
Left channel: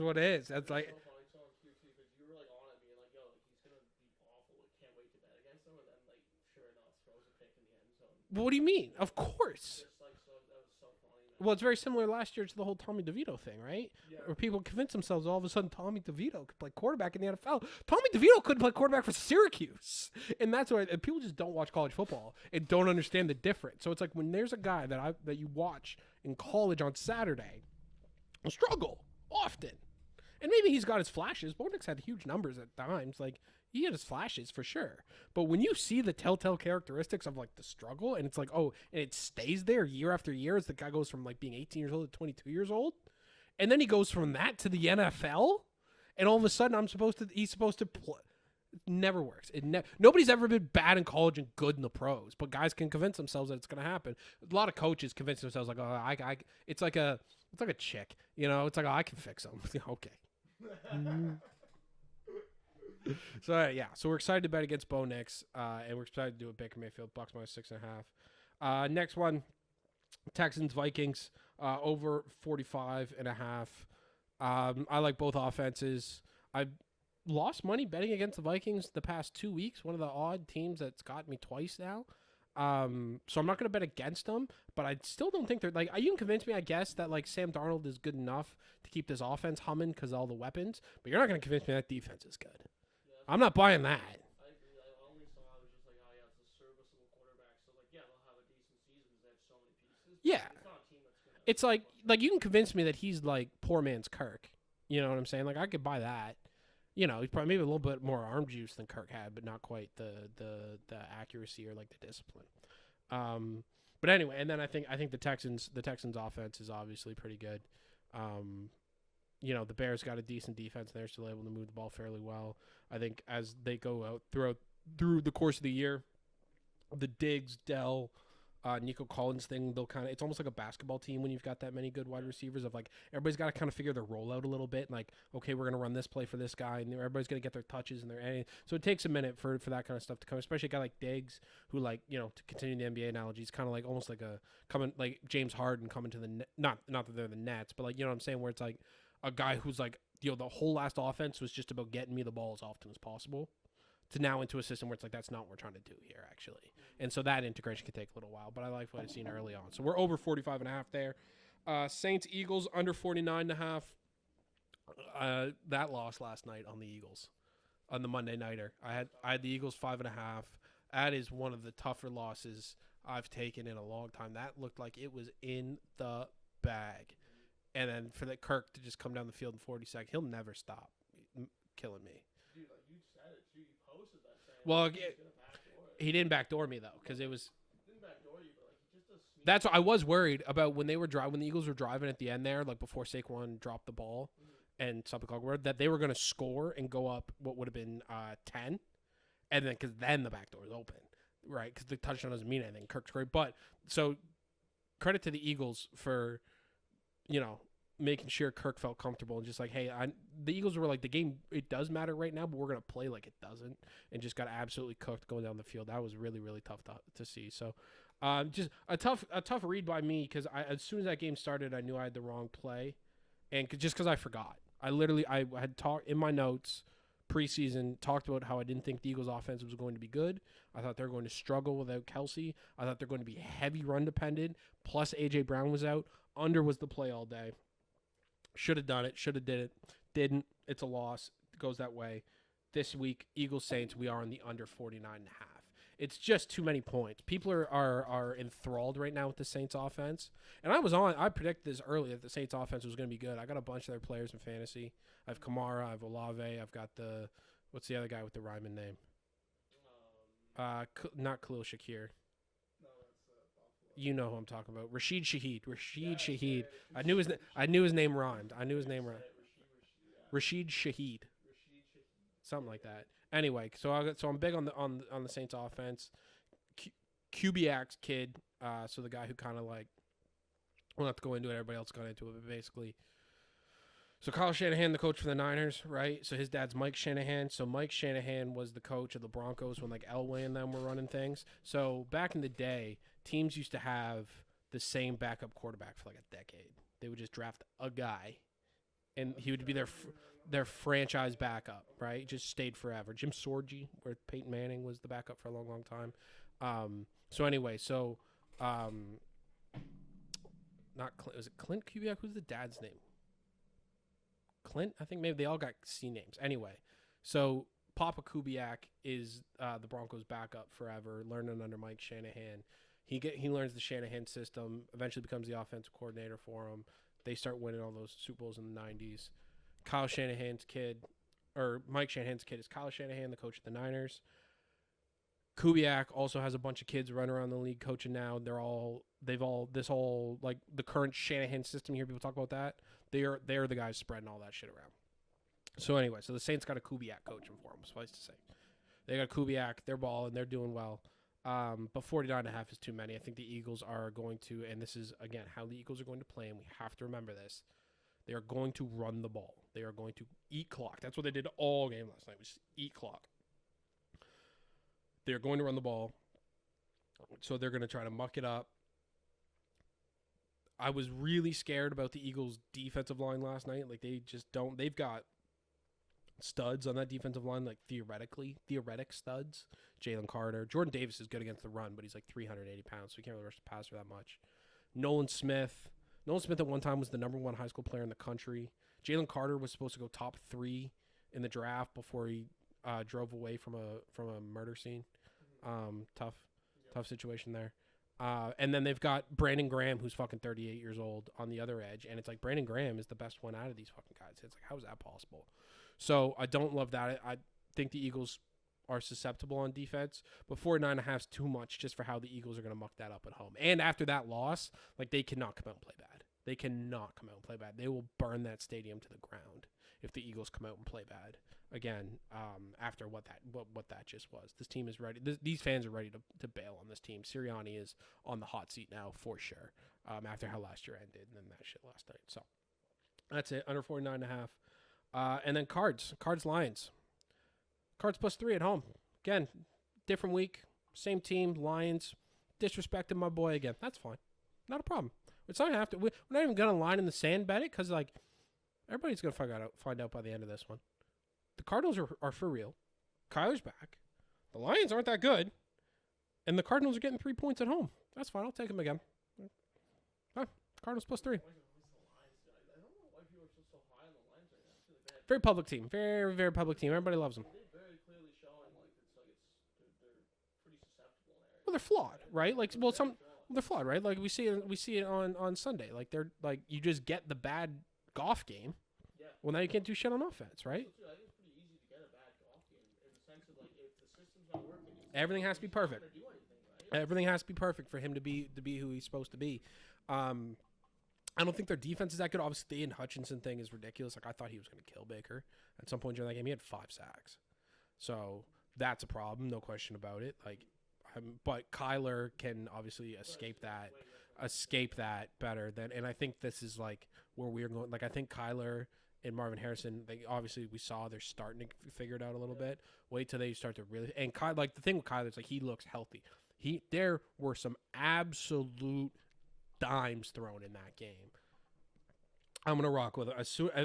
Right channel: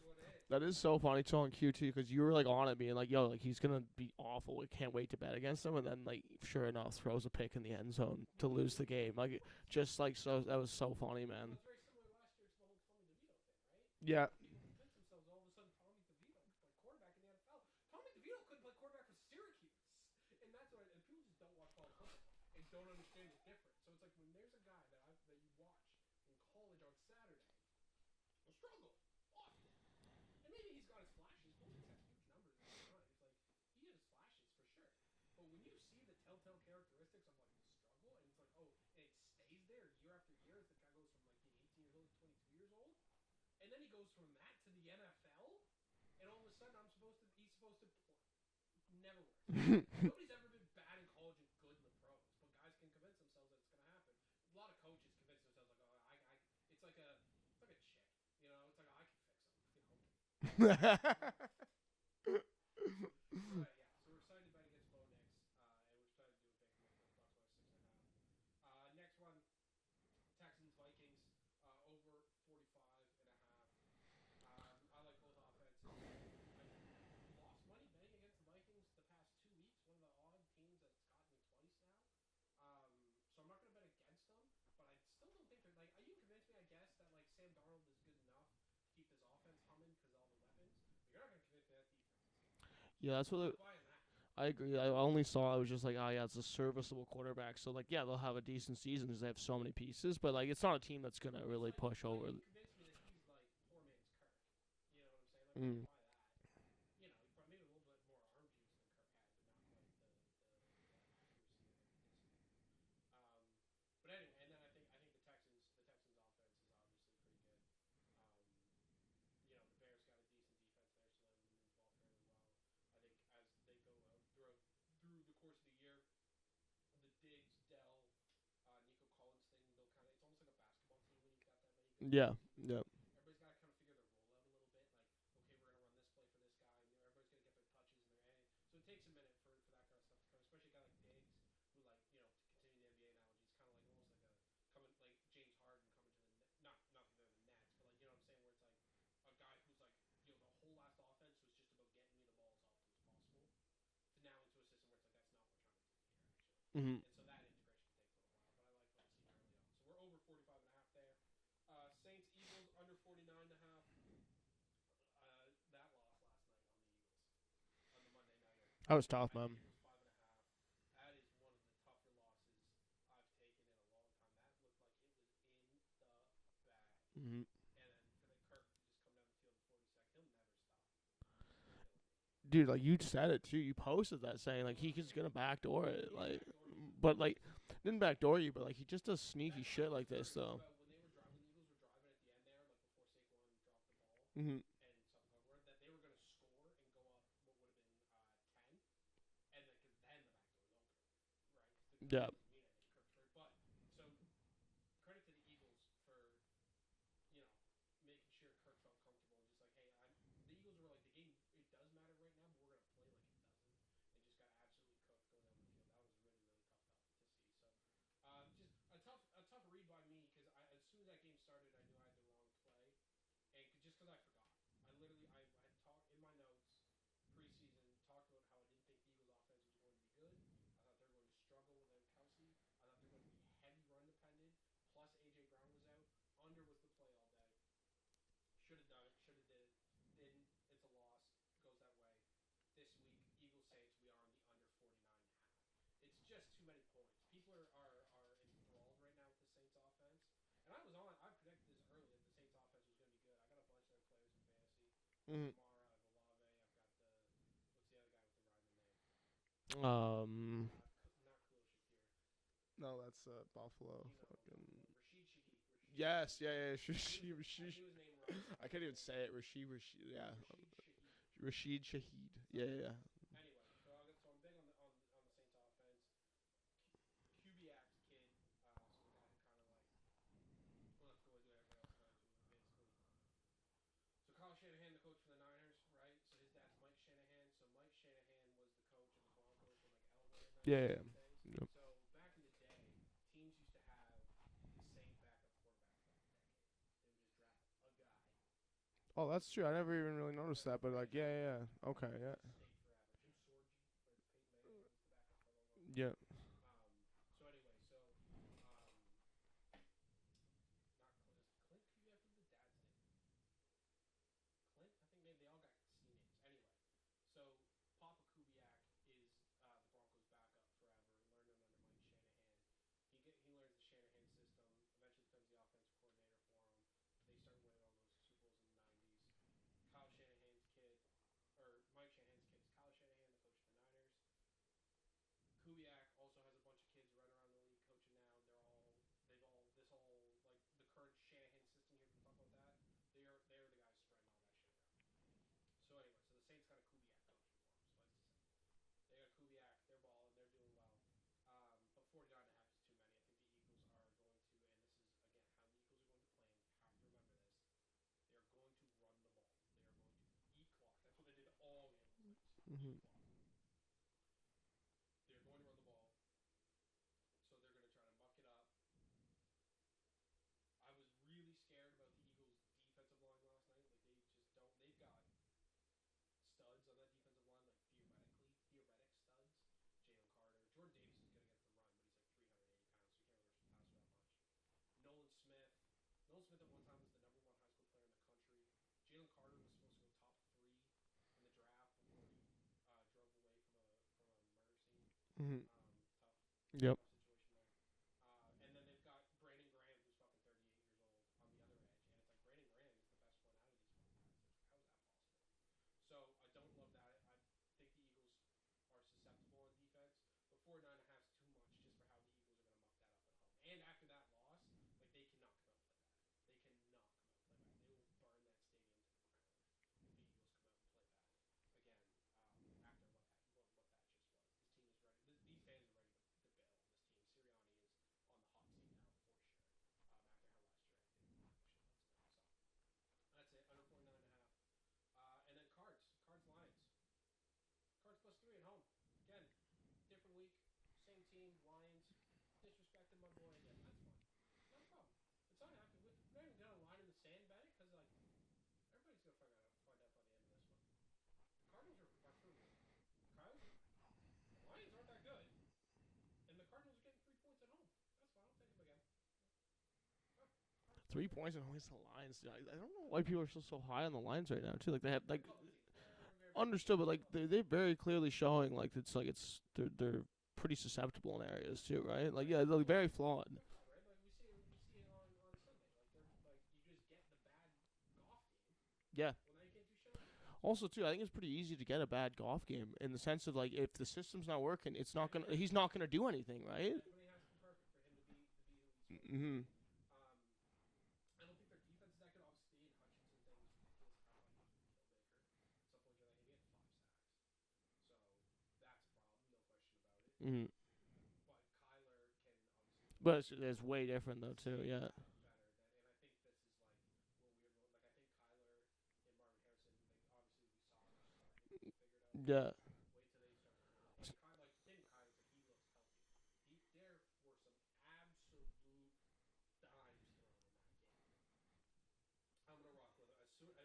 what it is. That That's is like, so funny telling Q too, because you were like on it, being like, "Yo, like he's gonna be awful. We can't wait to bet against him." And then, like, sure enough, throws a pick in the end zone. Well, what do you mean? Of course. Just like so, that was so funny, man. Well, it's very similar last year to the whole Tommy DeVito thing, right? Yeah. Where people convince themselves all of a sudden Tommy DeVito could play quarterback in the NFL. Tommy DeVito couldn't play quarterback for Syracuse, and that's why people just don't watch college football and don't understand the difference. So it's like when there's a guy that you watch in college on Saturday, struggle often. And maybe he's got his flashes. Bo Nix had huge numbers at times. Like, he had his flashes for sure. But when you see the telltale characteristics of, like, the struggle, and it's like, oh, and it stays there year after year as the guy goes from, like, being 18 years old to 22 years old, and then he goes from that to the NFL, and all of a sudden he's supposed to play. It never works. Nobody's ever been bad in college and good in the pros, but guys can convince themselves that it's going to happen. A lot of coaches convince themselves, like, oh, it's like a chick, It's like, oh, I can fix them. Okay. So we're excited to bet against Bo Nix, and we're excited to do it. Baker Mayfield, Bucks minus 6.5. Next one, Texans Vikings over 45.5. I like both offenses. I've lost money betting against the Vikings the past 2 weeks. One of the odd teams that's got me twice now. So I'm not going to bet against them, but I still don't think they're, like, you can convince me, I guess, that, like, Sam Darnold is good enough to keep this offense humming because of all the weapons, but you're not going to convince me that defense is good. Yeah, I'm not buying that. I agree. I only saw, I was just like, oh yeah, it's a serviceable quarterback. So, like, yeah, they'll have a decent season because they have so many pieces, but like, it's not a team that's going to It's really like, push like, over. you can convince me that he's like poor man's Kirk. You know what I'm saying? Like, I could buy that. He's probably maybe a little bit more arm juice than Kirk had, but not quite the accuracy or, like, the discipline. But anyway, and then I think the Texans offense is obviously pretty good. The Bears got a decent defense, and they're still able to move the ball fairly well. I think as they go out through the course of the year, the Diggs, Dell, Nico Collins thing, it's almost like a basketball team when you've got that many good wide receivers of like, everybody's got to kind of figure their role out a little bit. Like, okay, we're going to run this play for this guy, and everybody's going to get their touches and so it takes a minute for that kind of stuff to come, especially a guy like Diggs, who, like, to continue the NBA analogy, is kind of like almost like like James Harden coming to the not that they're the Nets, but, like, you know what I'm saying, where it's like a guy who's like, the whole last offense was just about getting me the ball as often as possible, to now into a system where it's like, that's not what we're trying to do here, actually. And so that integration can take a little while, but I like what I've seen early on. So we're over 45.5 there. Saints, Eagles, under 49.5. That loss last night on the Eagles, on the Monday Nighter. I had the Eagles 5.5. That is one of the tougher losses I've taken in a long time. That looked like it was in the bag. Mm-hmm. And then for that Kirk to just come down the field in 40 seconds, he'll never stop killing me. Dude, like you said it too. You posted that saying, like, he's gonna backdoor it. He didn't backdoor me though, but like, didn't backdoor you, but like he just does sneak. That's what I was worried about when they were when the Eagles were driving at the end there, like before Saquon dropped the ball and stopped the clock, that they were gonna score and go up what would have been 10, and then because then the back door was open, right? Because the touchdown doesn't mean anything. Kirk's great, but so credit to the Eagles for, making sure Kirk felt comfortable and just like, hey, the Eagles were like, the game, it does matter right now, but we're going to play like it doesn't, and just got absolutely cooked going down the field. That was really, really tough to see. So just a tough read by me, because as soon as that game started, I knew I had the wrong play, and just because I forgot. I had talked in my notes preseason, talked about how I didn't think the Eagles offense was going to be good. I thought they were going to struggle without Kelsey. I thought they're going to be heavy run dependent, plus A.J. Brown was out. Under was the play all day. Should have done it. Should have did it. Didn't. It's a loss. It goes that way. This week, Eagles Saints, we are on the under 49.5. It's just too many points. People are enthralled right now with the Saints offense. And I predicted this early that the Saints offense was going to be good. I got a bunch of their players in fantasy. I have Kamara, I have Olave, I've got what's the other guy with the rhyming name? Not Khalil Shakir. No, that's Buffalo. You know who I'm talking about. Rashid Shaheed. Shaheed. Yeah. I knew his name rhymed. Rashid. Rashid Shaheed. Rashid Shaheed. Something like that. Anyway, so I'm big on the Saints offense. Kubiak's kid, so the guy who kind of like, we'll not have to go into it. Everybody else got into it, but basically. So Kyle Shanahan, the coach for the Niners, right? So his dad's Mike Shanahan. So Mike Shanahan was the coach of the Broncos when like Elway and them were running things. Yep. So back in the day, teams used to have the same backup quarterback for like a decade. They would just draft a guy, and he would be their franchise backup, right? Yeah. Just stayed forever. Jim Sorgi, where Peyton Manning was the backup for a long, long time. Yeah. So anyway, not Clint. Was it Clint Kubiak? Who's the dad's name? Clint? I think maybe they all got C names. Anyway, so Papa Kubiak is the Broncos' backup forever, learning under Mike Shanahan. He learns the Shanahan system, eventually becomes the offensive coordinator for him. They start winning all those Super Bowls in the 90s. Mike Shanahan's kid is Kyle Shanahan, the coach of the Niners. Kubiak also has a bunch of kids running around the league coaching now. This whole like the current Shanahan system here. People talk about that. They're the guys spreading all that shit around. So anyway, so the Saints got a Kubiak coaching for them, suffice to say. They got Kubiak, they're balling, they're doing well. But 49.5 is too many. I think the Eagles are going to, and this is, again, how the Eagles are going to play, and we have to remember this. They are going to run the ball. They are going to eat clock. That's what they did all game last night, was eat clock. They're going to run the ball, so they're going to try to muck it up. I was really scared about the Eagles' defensive line last night. Like, they just don't. They've got studs on that defensive line, like theoretic studs. Jalen Carter. Jordan Davis is good against the run, but he's like 380 pounds, so he can't really rush the passer that much. Nolan Smith at one time was the #1 high school player in the country. Jalen Carter was supposed to go top 3 in the draft before he drove away from a murder scene. Mm-hmm. Tough situation there. And then they've got Brandon Graham, who's fucking 38 years old, on the other edge. And it's like Brandon Graham is the best one out of these fucking guys. It's like, how is that possible? So I don't love that. I think the Eagles are susceptible on defense, but 49.5 is too much just for how the Eagles are going to muck that up at home. And after that loss, like, they cannot come out and play bad. They cannot come out and play bad. They will burn that stadium to the ground if the Eagles come out and play bad again. After what that just was, this team is ready. These fans are ready to bail on this team. Sirianni is on the hot seat now for sure. After how last year ended and then that shit last night. So that's it. Under 49.5. And then Cards Lions. Cards +3 at home. Again, different week, same team. Lions disrespected my boy again. That's fine. Not a problem. It's not have to. We're not even gonna line in the sand bet it, because like everybody's gonna find out by the end of this one. The Cardinals are for real. Kyler's back. The Lions aren't that good, and the Cardinals are getting 3 points at home. That's fine. I'll take them again. Cardinals +3. 3 points at home against the Lions. I don't know why people are so high on the Lions right now too. Like, they have very public team. Very, very public team. Everybody loves them. They're very clearly showing they're pretty susceptible in areas. Well, they're flawed, too, right? Like, Like, they're well, very flawed. they're flawed, right? Like we see it on Sunday. Like they're like you just get the bad Goff game. Yeah. Well, now you can't do shit on offense, right? Also, too, I think it's pretty easy to get a bad Goff game in the sense of like if the system's not working, it's not Everything has to be he's not perfect. going to do anything, right? Everything has to be perfect for him to be who he's supposed to be. I don't think their defense is that good. Obviously, the Ian Hutchinson thing is ridiculous. Like I thought he was going to kill Baker at some point during that game. He had 5 sacks, so that's a problem, no question about it. Like, but Kyler can obviously escape that. Way different. That better than, and I think this is like where we're going. Like I think Kyler and Marvin Harrison, we saw they're starting to figure it out a little bit. Wait till they start to really, and like the thing with Kyler is like he looks healthy. There were some absolute dimes thrown in that game. I'm gonna rock with it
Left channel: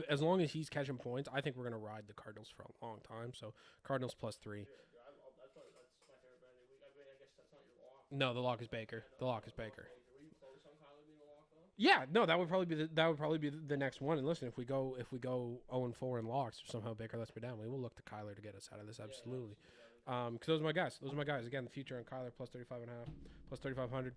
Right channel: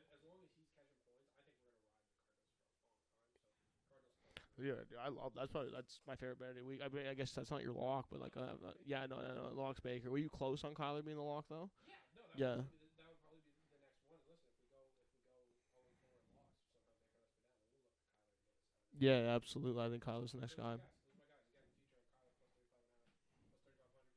as long as he's catching points. I think we're gonna ride the Cardinals for a long time. So Cardinals +3. Yeah, I love that's my favorite bet of the week. I mean, I guess that's not your lock. No, the lock is Baker. Yeah, the lock is Baker. Were you close on Kyler being the lock though? Yeah, no, that would probably be the next one. And listen, if we go 0-4 in locks, if somehow Baker lets me down, we will look to Kyler to get us out of this. Yeah, absolutely. I think because those are my guys. Again, the future on Kyler +35.5, +3,500.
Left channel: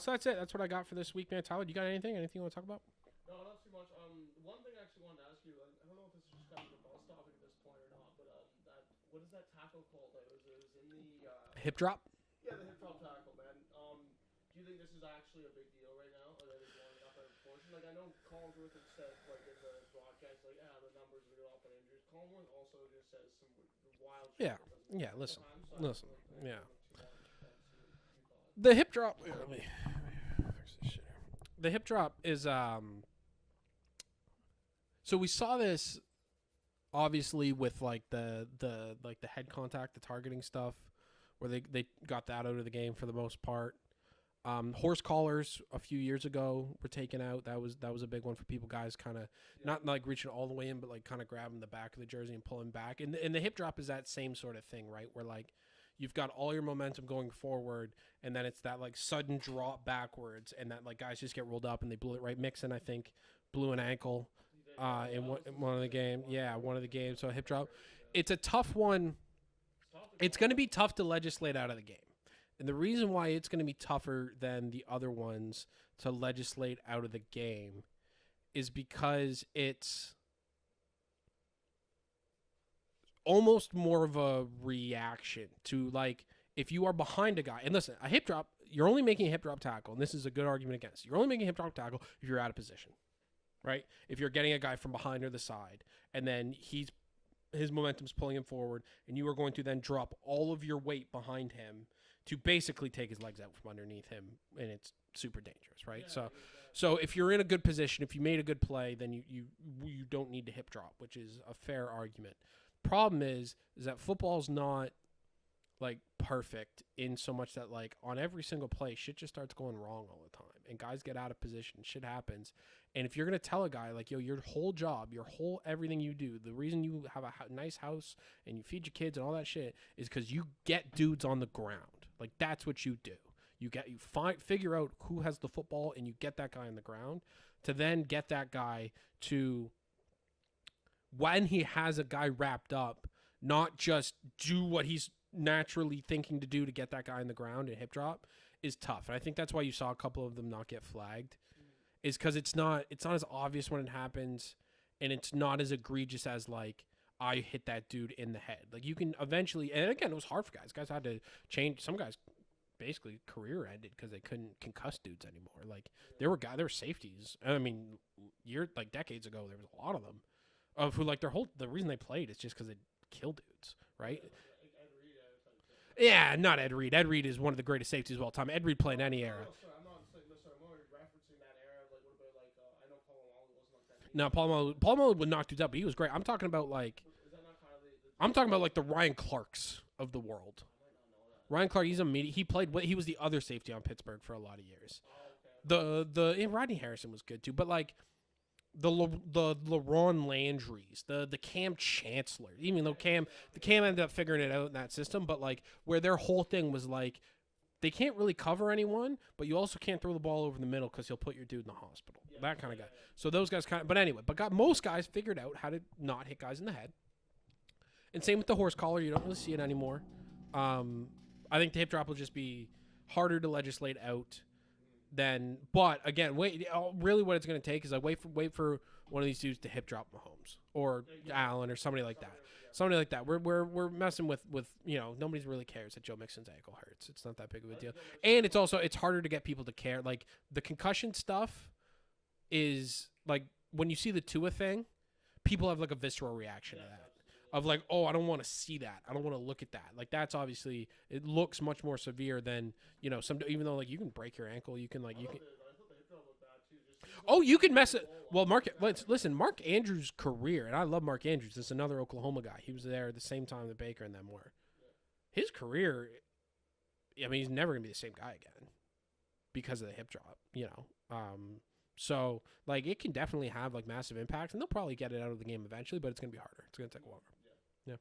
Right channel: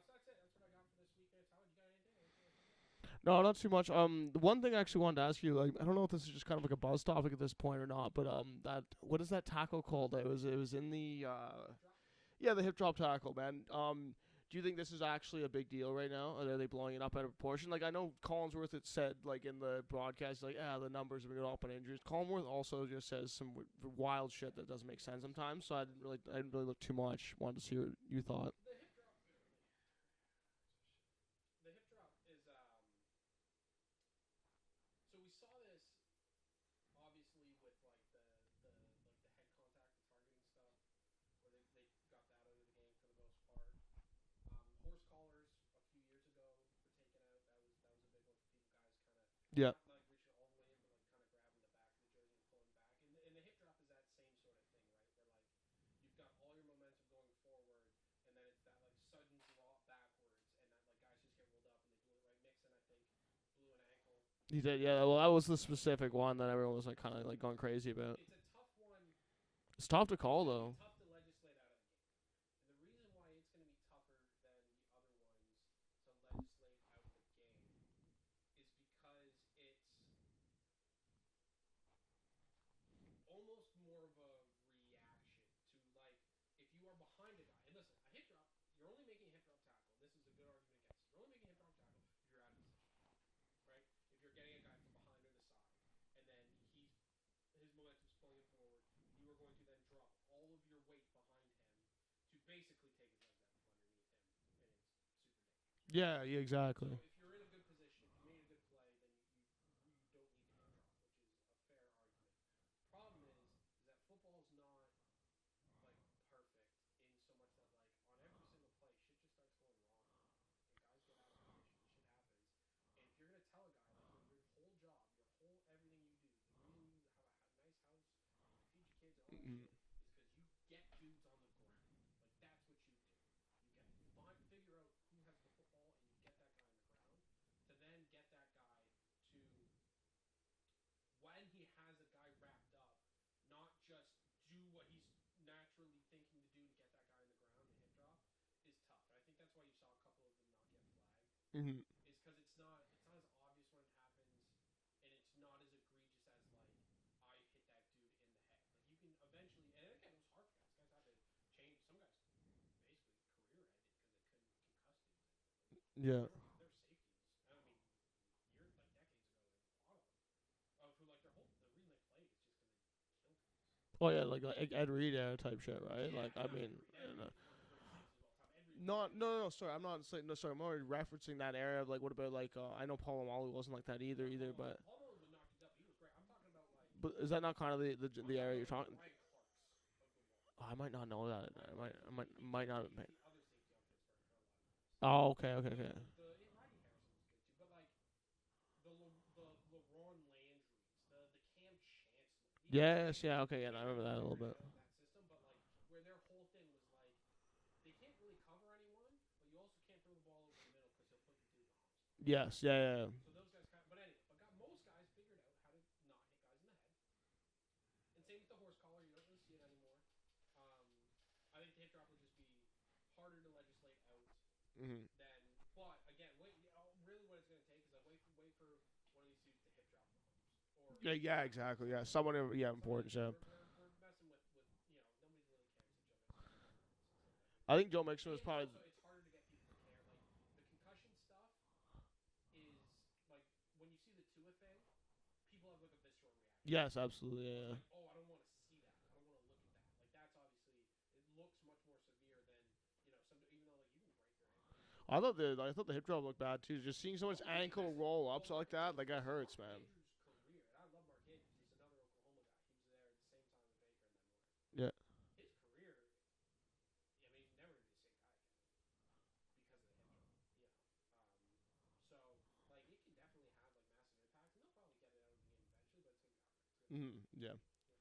So that's it. That's what I got for this week, man. Tyler, you got anything? Anything you want to talk about? No, not too much. The one thing I actually wanted to ask you, like, I don't know if this is just kind of like a buzz topic at this point or not, but that what is that tackle called? It was in the hip drop. Yeah, the hip drop tackle, man. Do you think this is actually a big deal right now? Are they blowing it up out of proportion? Like I know Collinsworth had said, like in the broadcast, like the numbers have been up on injuries. Collinsworth also just says some wild shit that doesn't make sense sometimes. So I didn't really look too much. Wanted to see what you thought. The hip drop. The hip drop is So we saw this obviously with like the head contact, the targeting stuff, where they got that out of the game for the most part. Horse collars a few years ago were taken out. That was a big one for people. Guys kind of not like reaching all the way in, but like kind of grabbing the back of the jersey and pulling back. And the hip drop is that same sort of thing, right? Where like you've got all your momentum going forward, and then it's that like sudden drop backwards, and that like guys just get rolled up and they blew it right. Mixon, I think, blew an ankle. He did, yeah. Well, that was the specific one. Yeah, one of the games. So hip drop. Crazy about. It's a tough one. It's tough to call. It's going to be tough to legislate out of the game. And the reason why it's going to be tougher than the other ones to legislate out of the game is because it's almost more of a reaction to, like, if you are behind a guy. And listen, a hip drop, you're only making a hip drop tackle, and this is a good argument against. You're only making a hip drop tackle if you're out of position, right? If you're getting a guy from behind or the side, and then his momentum's pulling him forward, and you are going to then drop all of your weight behind him to basically take his legs out from underneath him, and it's super dangerous, right? Yeah, exactly. So if you're in a good position, if you made a good play, then you don't need to hip drop, which is a fair argument. Problem is that football's not like perfect in so much that like on every single play, shit just starts going wrong all the time, and guys get out of position, shit happens. And if you're gonna tell a guy like, yo, your whole job, everything you do, the reason you have a nice house and you feed your kids and all that shit is because you get dudes on the ground. Like that's what you do. You figure out who has the football and you get that guy on the ground to then get that guy to, when he has a guy wrapped up, not just do what he's naturally thinking to do to get that guy on the ground and hip drop is tough. And I think that's why you saw a couple of them not get flagged, is because it's not as obvious when it happens, and it's not as egregious as like I hit that dude in the head. Like you can eventually, and again, it was hard for guys. Guys had to change. Some guys basically career ended because they couldn't concuss dudes anymore. Like there were safeties. I mean, decades ago, there was a lot of them of who like the reason they played is just because they killed dudes. Right? Oh, yeah, like Ed Reed type shit, right? Yeah, not Ed Reed. Ed Reed is one of the greatest safeties of all time. Ed Reed played any era. No, sorry. I'm not saying, sorry. I'm already referencing that era of, like, what about, like, I know Paul O'Malley wasn't like that either. No, Paul O'Malley would knock dudes out, but he was great. I'm talking about, like... But is that not kind of the I'm talking about, like, the Ryan Clarks of the world. I might not know that. Ryan Clark, he's a he played, but he was the other safety on Pittsburgh for a lot of years. Oh, okay. Rodney Harrison was good, too, but, like... The LaRon Landrys, the Cam Chancellor, even though Cam ended up figuring it out in that system, but like where their whole thing was like they can't really cover anyone, but you also can't throw the ball over the middle because he'll put your dude in the hospital. Yeah. So those guys but anyway, most guys figured out how to not hit guys in the head. And same with the horse collar, you don't really see it anymore. I think the hip drop will just be harder to legislate out Mm-hmm. than. But again, really, what it's going to take is like wait for one of these dudes to hip drop Mahomes or Allen or somebody like that. Somebody like that. We're messing with nobody really cares that Joe Mixon's ankle hurts. It's not that big of a deal. And it's harder to get people to care. Like the concussion stuff is like when you see the Tua thing, people have like a visceral reaction. Yes, to that. absolutely. Of like, oh, I don't want to see that. I don't want to look at that. Like that's obviously it looks much more severe than some. Even though like you can break your ankle, you can like. I thought the hip drop looked bad too. Just seeing. Oh, you can mess it. Well, Mark. Listen, Mark Andrews' career, and I love Mark Andrews. This is another Oklahoma guy. He was there at the same time that Baker and them were. Yeah. His career, I mean, he's never gonna be the same guy again because of the hip drop. So like it can definitely have like massive impacts, and they'll probably get it out of the game eventually, but it's gonna be harder. It's gonna take longer. Yeah.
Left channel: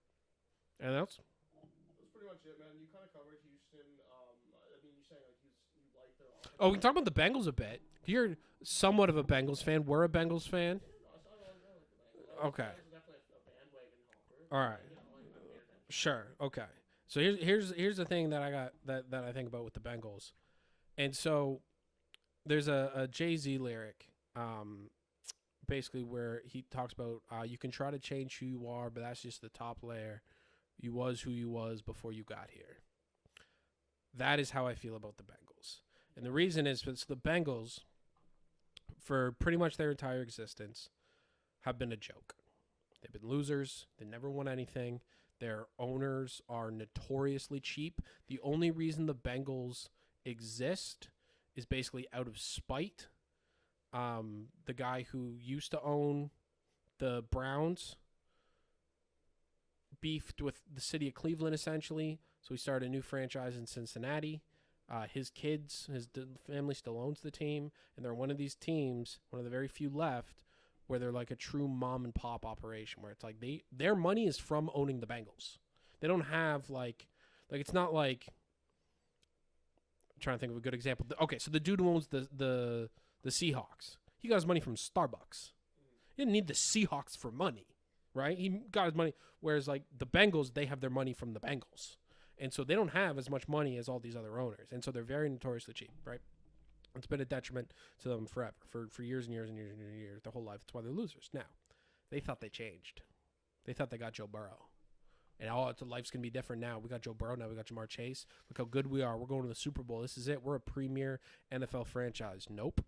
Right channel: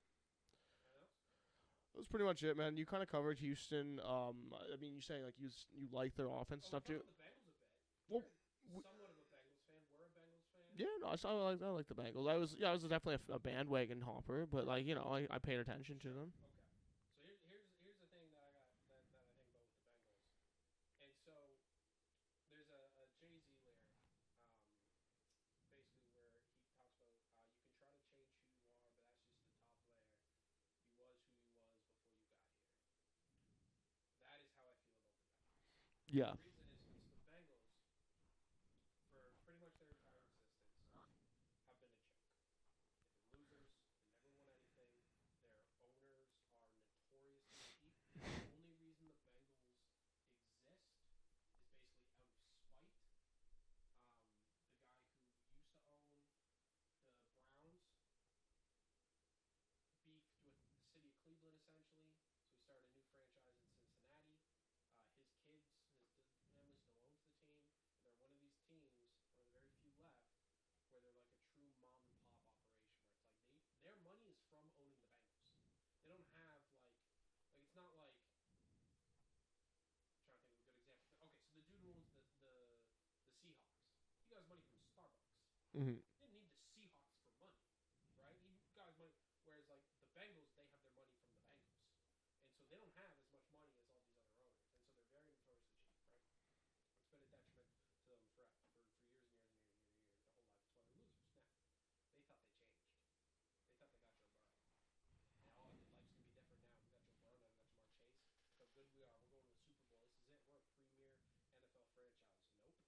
Anything else? That's pretty much it, man. You kind of covered Houston. I mean, you're saying like you like their offense. Oh, we can talk about the Bengals a bit. You're somewhat of a Bengals fan. We're a Bengals fan. Yeah, no, I like the Bengals. I was definitely a bandwagon hopper, but right. I paid attention. Sure. Okay. So here's the thing that I got that I think about with the Bengals, and so there's a Jay-Z lyric, basically where he talks about you can try to change who you are, but that's just the top layer. You was who you was before you got here. That is how I feel about the Bengals. Yeah. And the reason is because the Bengals, for pretty much their entire existence, have been a joke. They've been losers. They never won anything. Their owners are notoriously cheap. The only reason the Bengals exist is basically out of spite. The guy who used to own the Browns beefed with the city of Cleveland, essentially. So he started a new franchise in Cincinnati. His kids, his family still owns the team. And they're one of these teams, one of the very few left, where they're like a true mom and pop operation, where it's like their money is from owning the Bengals. They don't have like it's not like, I'm trying to think of a good example. Okay, so the dude who owns the Seahawks, he got his money from Starbucks. Mm-hmm. He didn't need the Seahawks for money, right? He got his money. Whereas like the Bengals, they have their money from the Bengals, and so they don't have as much money as all these other owners, and so they're very notoriously cheap, right? It's been a detriment to them forever, for years and years and years and years, their whole life. That's why they're losers. Now, they thought they changed. They thought they got Joe Burrow. And life's going to be different now. We got Joe Burrow. Now we got Jamar Chase. Look how good we are. We're going to the Super Bowl. This is it. We're a premier NFL franchise. Nope.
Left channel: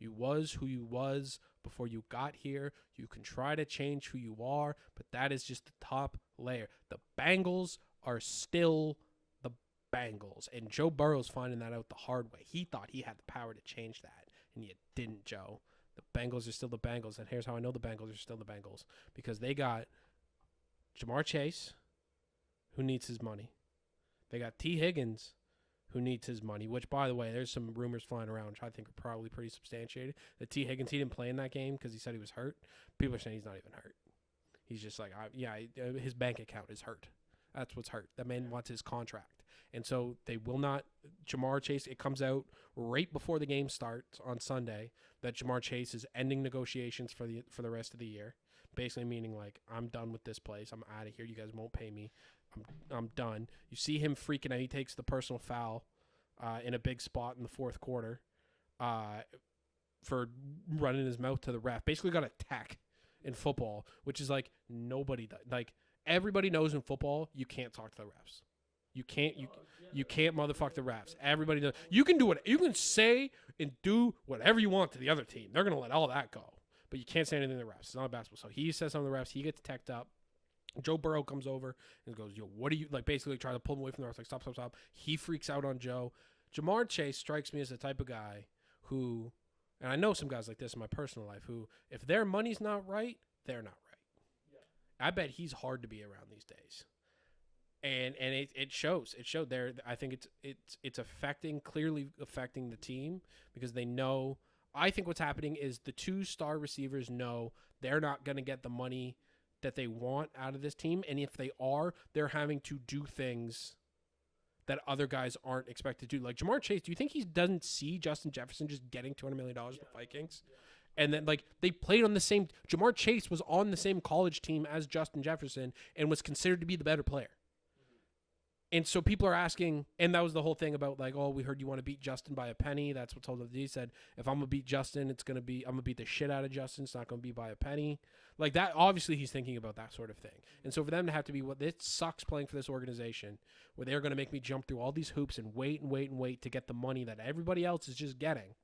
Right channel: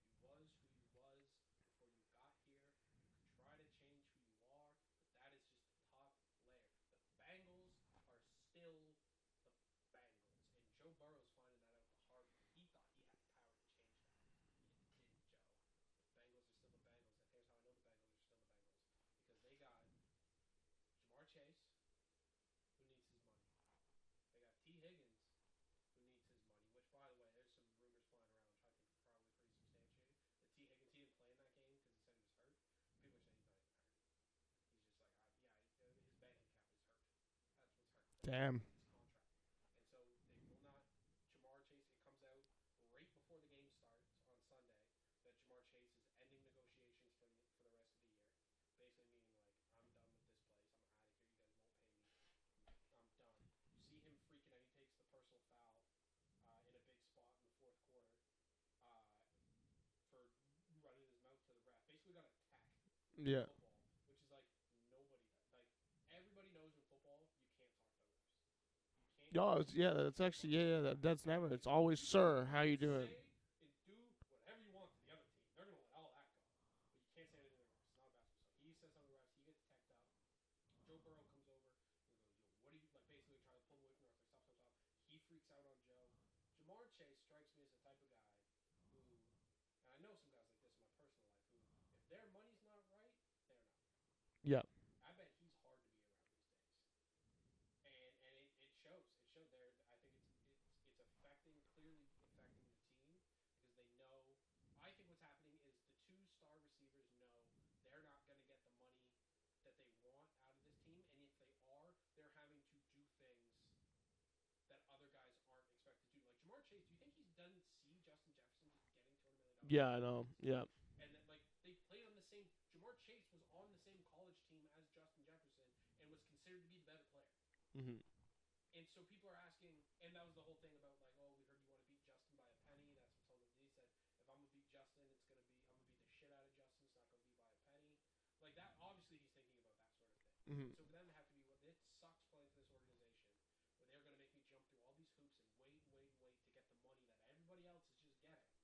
You was who you was before you got here. You can try to change who you are, but that is just the top layer. The Bengals are still the Bengals, and Joe Burrow's finding that out the hard way. He thought he had the power to change that, and you didn't, Joe. The Bengals are still the Bengals, and here's how I know the Bengals are still the Bengals, because they got Jamar Chase, who needs his money. They got T. Higgins, who needs his money, which, by the way, there's some rumors flying around, which I think are probably pretty substantiated. That T. Higgins, he didn't play in that game because he said he was hurt. People are saying he's not even hurt. He's just like, his bank account is hurt. That's what's hurt. That man wants his contract. And so they will not, Jamar Chase, it comes out right before the game starts on Sunday that Jamar Chase is ending negotiations for the rest of the year. Basically meaning like, I'm done with this place. I'm out of here. You guys won't pay me. I'm done. You see him freaking out. He takes the personal foul in a big spot in the fourth quarter for running his mouth to the ref. Basically got a tech in football, which is like nobody does. Like everybody knows in football, you can't talk to the refs. You can't. You can't motherfuck the refs. Everybody does. You can do it. You can say and do whatever you want to the other team. They're gonna let all that go. But you can't say anything to the refs. It's not a basketball. So he says something to the refs. He gets teched up. Joe Burrow comes over and goes, yo, what are you, like, basically trying to pull him away from the refs. Like, stop. He freaks out on Joe. Jamar Chase strikes me as the type of guy who, and I know some guys like this in my personal life, who, if their money's not right, they're not right. Yeah. I bet he's hard to be around these days. And it shows. It showed there. I think it's clearly affecting the team because they know. I think what's happening is the two star receivers know they're not going to get the money that they want out of this team. And if they are, they're having to do things that other guys aren't expected to do. Like Jamar Chase, do you think he doesn't see Justin Jefferson just getting $200 million from the Vikings? Yeah. And then, like, they played on the same – Jamar Chase was on the same college team as Justin Jefferson and was considered to be the better player. Mm-hmm. And so people are asking, and that was the whole thing about like, oh, we heard you want to beat Justin by a penny. That's what told him. He said, if I'm gonna beat Justin, I'm gonna beat the shit out of Justin. It's not gonna be by a penny. Like that. Obviously, he's thinking about that sort of thing. Mm-hmm. And so for them to have to be it sucks playing for this organization where they're gonna make me jump through all these hoops and wait to get the money that everybody else is just getting.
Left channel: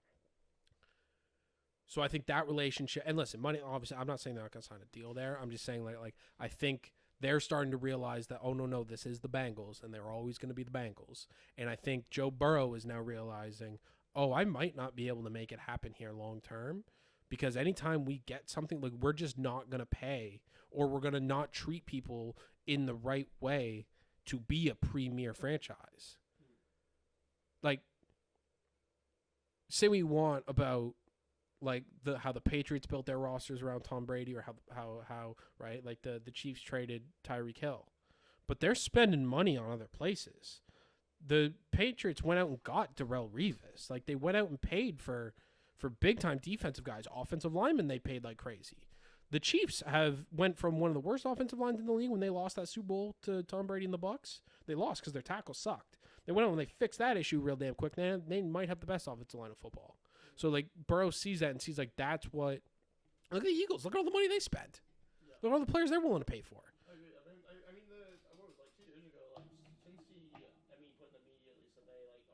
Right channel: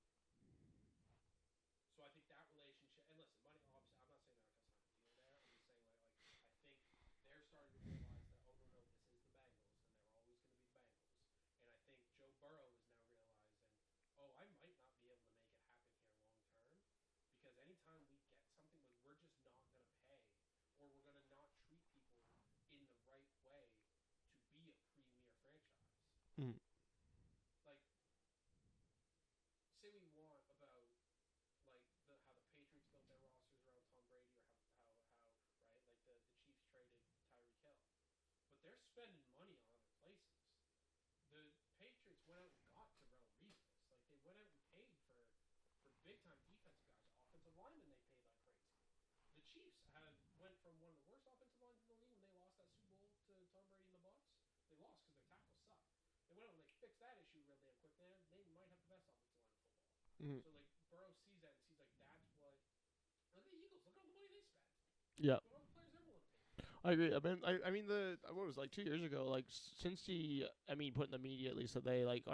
So I think that relationship, and listen, money. Obviously, I'm not saying they're not gonna sign a deal there. I'm just saying like I think. They're starting to realize that, oh, no, this is the Bengals, and they're always going to be the Bengals. And I think Joe Burrow is now realizing, oh, I might not be able to make it happen here long term because anytime we get something, like we're just not going to pay or we're going to not treat people in the right way to be a premier franchise. Like, say we want about like how the Patriots built their rosters around Tom Brady, or how right, like the Chiefs traded Tyreek Hill, but they're spending money on other places. The Patriots went out and got Darrelle Revis. Like they went out and paid for big time defensive guys, offensive linemen. They paid like crazy. The Chiefs went from one of the worst offensive lines in the league when they lost that Super Bowl to Tom Brady and the Bucs. They lost because their tackles sucked. They went out and they fixed that issue real damn quick. They might have the best offensive line of football. So, like, Burrow sees that and sees, like, that's what – look at the Eagles. Look at all the money they spent. Yeah. Look at all the players they're willing to pay for. I agree. I mean, what was it, like 2 years ago, like, since put in the media at least that they, like,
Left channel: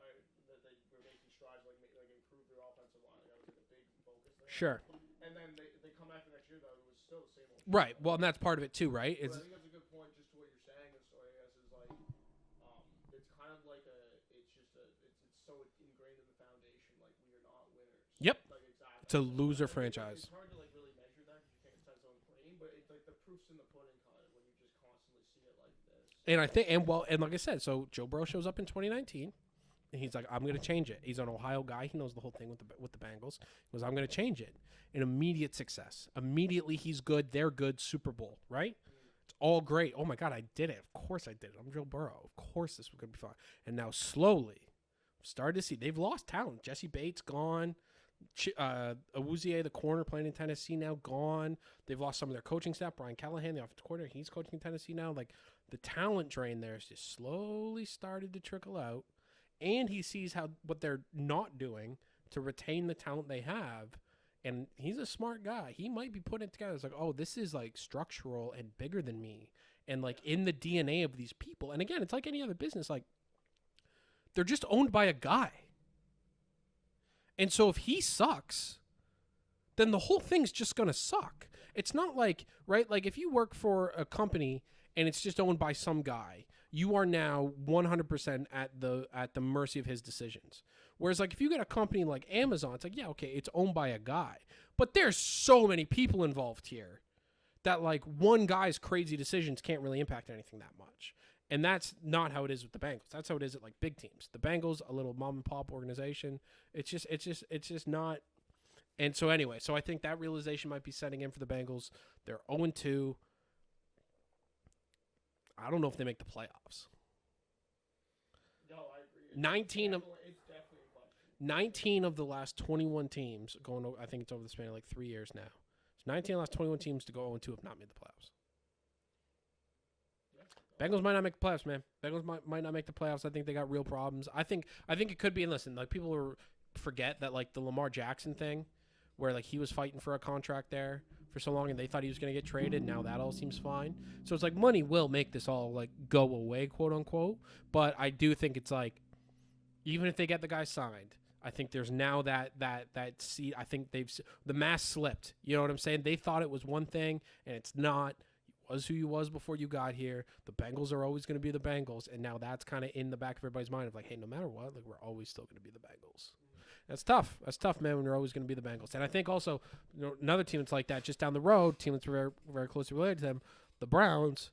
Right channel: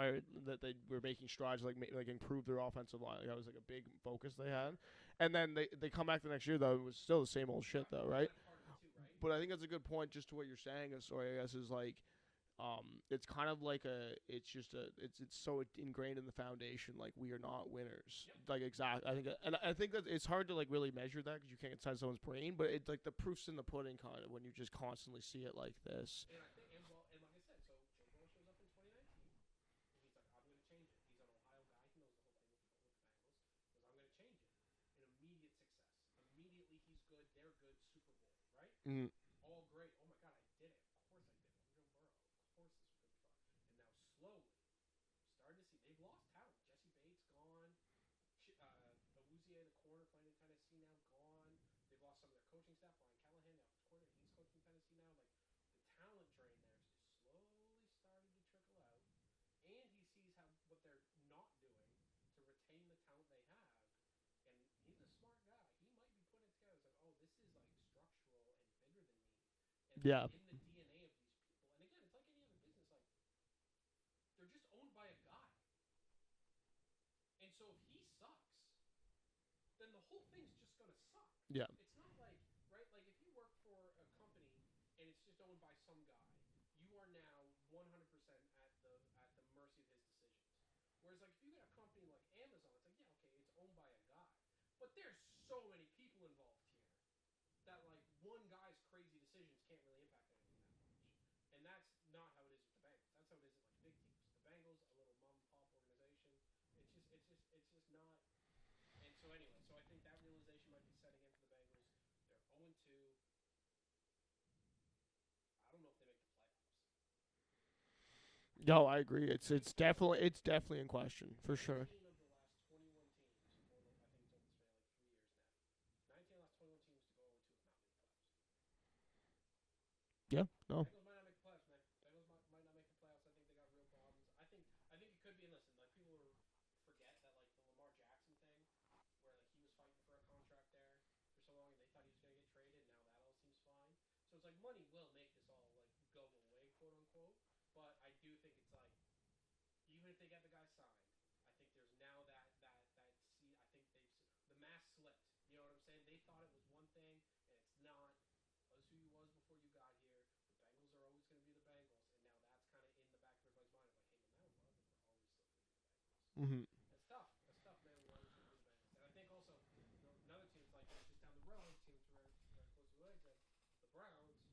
that they were making strides, like improve their offensive line. Like, that was, like, a big focus they had. Sure. And then they come back the next year, though, it was still the same old shit. Right. Though, well, right? and that's part of it, too, right? But I think that's a good point just to what you're saying, sorry, I guess, is, like, it's kind of like it's so ingrained in the foundation. Like we are not winners. Yep. Like exactly. It's a loser franchise. It's hard to like really measure that because you can't inside someone's brain. But it's like the proof's in the pudding, kind of, when you just constantly see it like this. And I think, and like I said, so Joe Burrow shows up in 2019, and he's like, I'm going to change it. He's an Ohio guy. He knows the whole thing with the Bengals. He goes, I'm going to change it. An immediate success. Immediately, he's good. They're good. Super Bowl, right? Mm. All great. Oh my God, I did it. Of course I did it. I'm Joe Burrow. Of course this was going to be fun. And now slowly, started to see they've lost talent. Jesse Bates gone. Awuzie, the corner playing in Tennessee, now gone. They've lost some of their coaching staff. Brian Callahan, the offensive coordinator, he's coaching in Tennessee now. Like the talent drain there has just slowly started to trickle out. And he sees what they're not doing to retain the talent they have. And he's a smart guy. He might be putting it together. It's like, oh, this is like structural and bigger than me. And like in the DNA of these people. And again, it's like any other business. Like they're just owned by a guy. And so if he sucks, then the whole thing's just going to suck. Yeah. It's not like, right? Like if you work for a company and it's just owned by some guy, you are now 100% at the mercy of his decisions. Whereas, like, if you get a company like Amazon, it's like, yeah, okay, it's owned by a guy. But there's so many people involved here that, like, one guy's crazy decisions can't really impact anything that much. And that's not how it is with the Bengals. That's how it is at, like, big teams. The Bengals, a little mom-and-pop organization, it's just not. And so, anyway, so I think that realization might be setting in for the Bengals. They're 0-2. I don't know if they make the playoffs. No, I agree. It's definitely in question. 19 of the last 21 teams going. I think it's over the span of like 3 years now. So 19 of the last 21 teams to go 0-2 have not made the playoffs. Yeah, no. Bengals might not make the playoffs, man. Bengals might not make the playoffs. I think they got real problems. I think it could be. And listen, like people forget that like the Lamar Jackson thing, where like he was fighting for a contract there for so long, and they thought he was going to get traded. Now that all seems fine. So it's like money will make this all like go away, quote unquote. But I do think it's like, even if they get the guy signed, I think there's now that seed. I think the mask slipped. You know what I'm saying? They thought it was one thing, and it's not. You was who you was before you got here. The Bengals are always going to be the Bengals, and now that's kind of in the back of everybody's mind of like, hey, no matter what, like we're always still going to be the Bengals. Mm-hmm. That's tough. That's tough, man. When you're always going to be the Bengals, and I think also another team that's like that just down the road, team that's very very closely related to them, the Browns.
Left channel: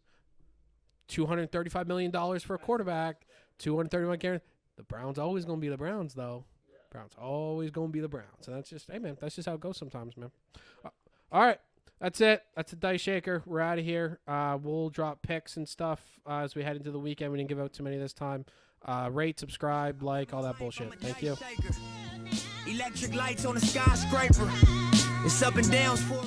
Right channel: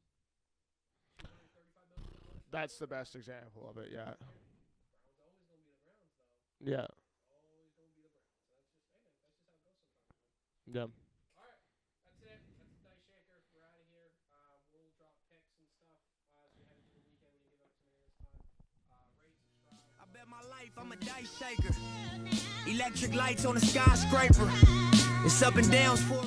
$235 million for a quarterback. $230 million guarantee. The Browns always going to be the Browns, though. Yeah. Browns always going to be the Browns. And that's just, hey, man, that's just how it goes sometimes, man. Yeah. All right. That's it. That's the Diceshaker. We're out of here. We'll drop picks and stuff as we head into the weekend. We didn't give out too many this time. Rate, subscribe, like, all that bullshit. Thank you. Electric lights on a skyscraper. It's up and downs for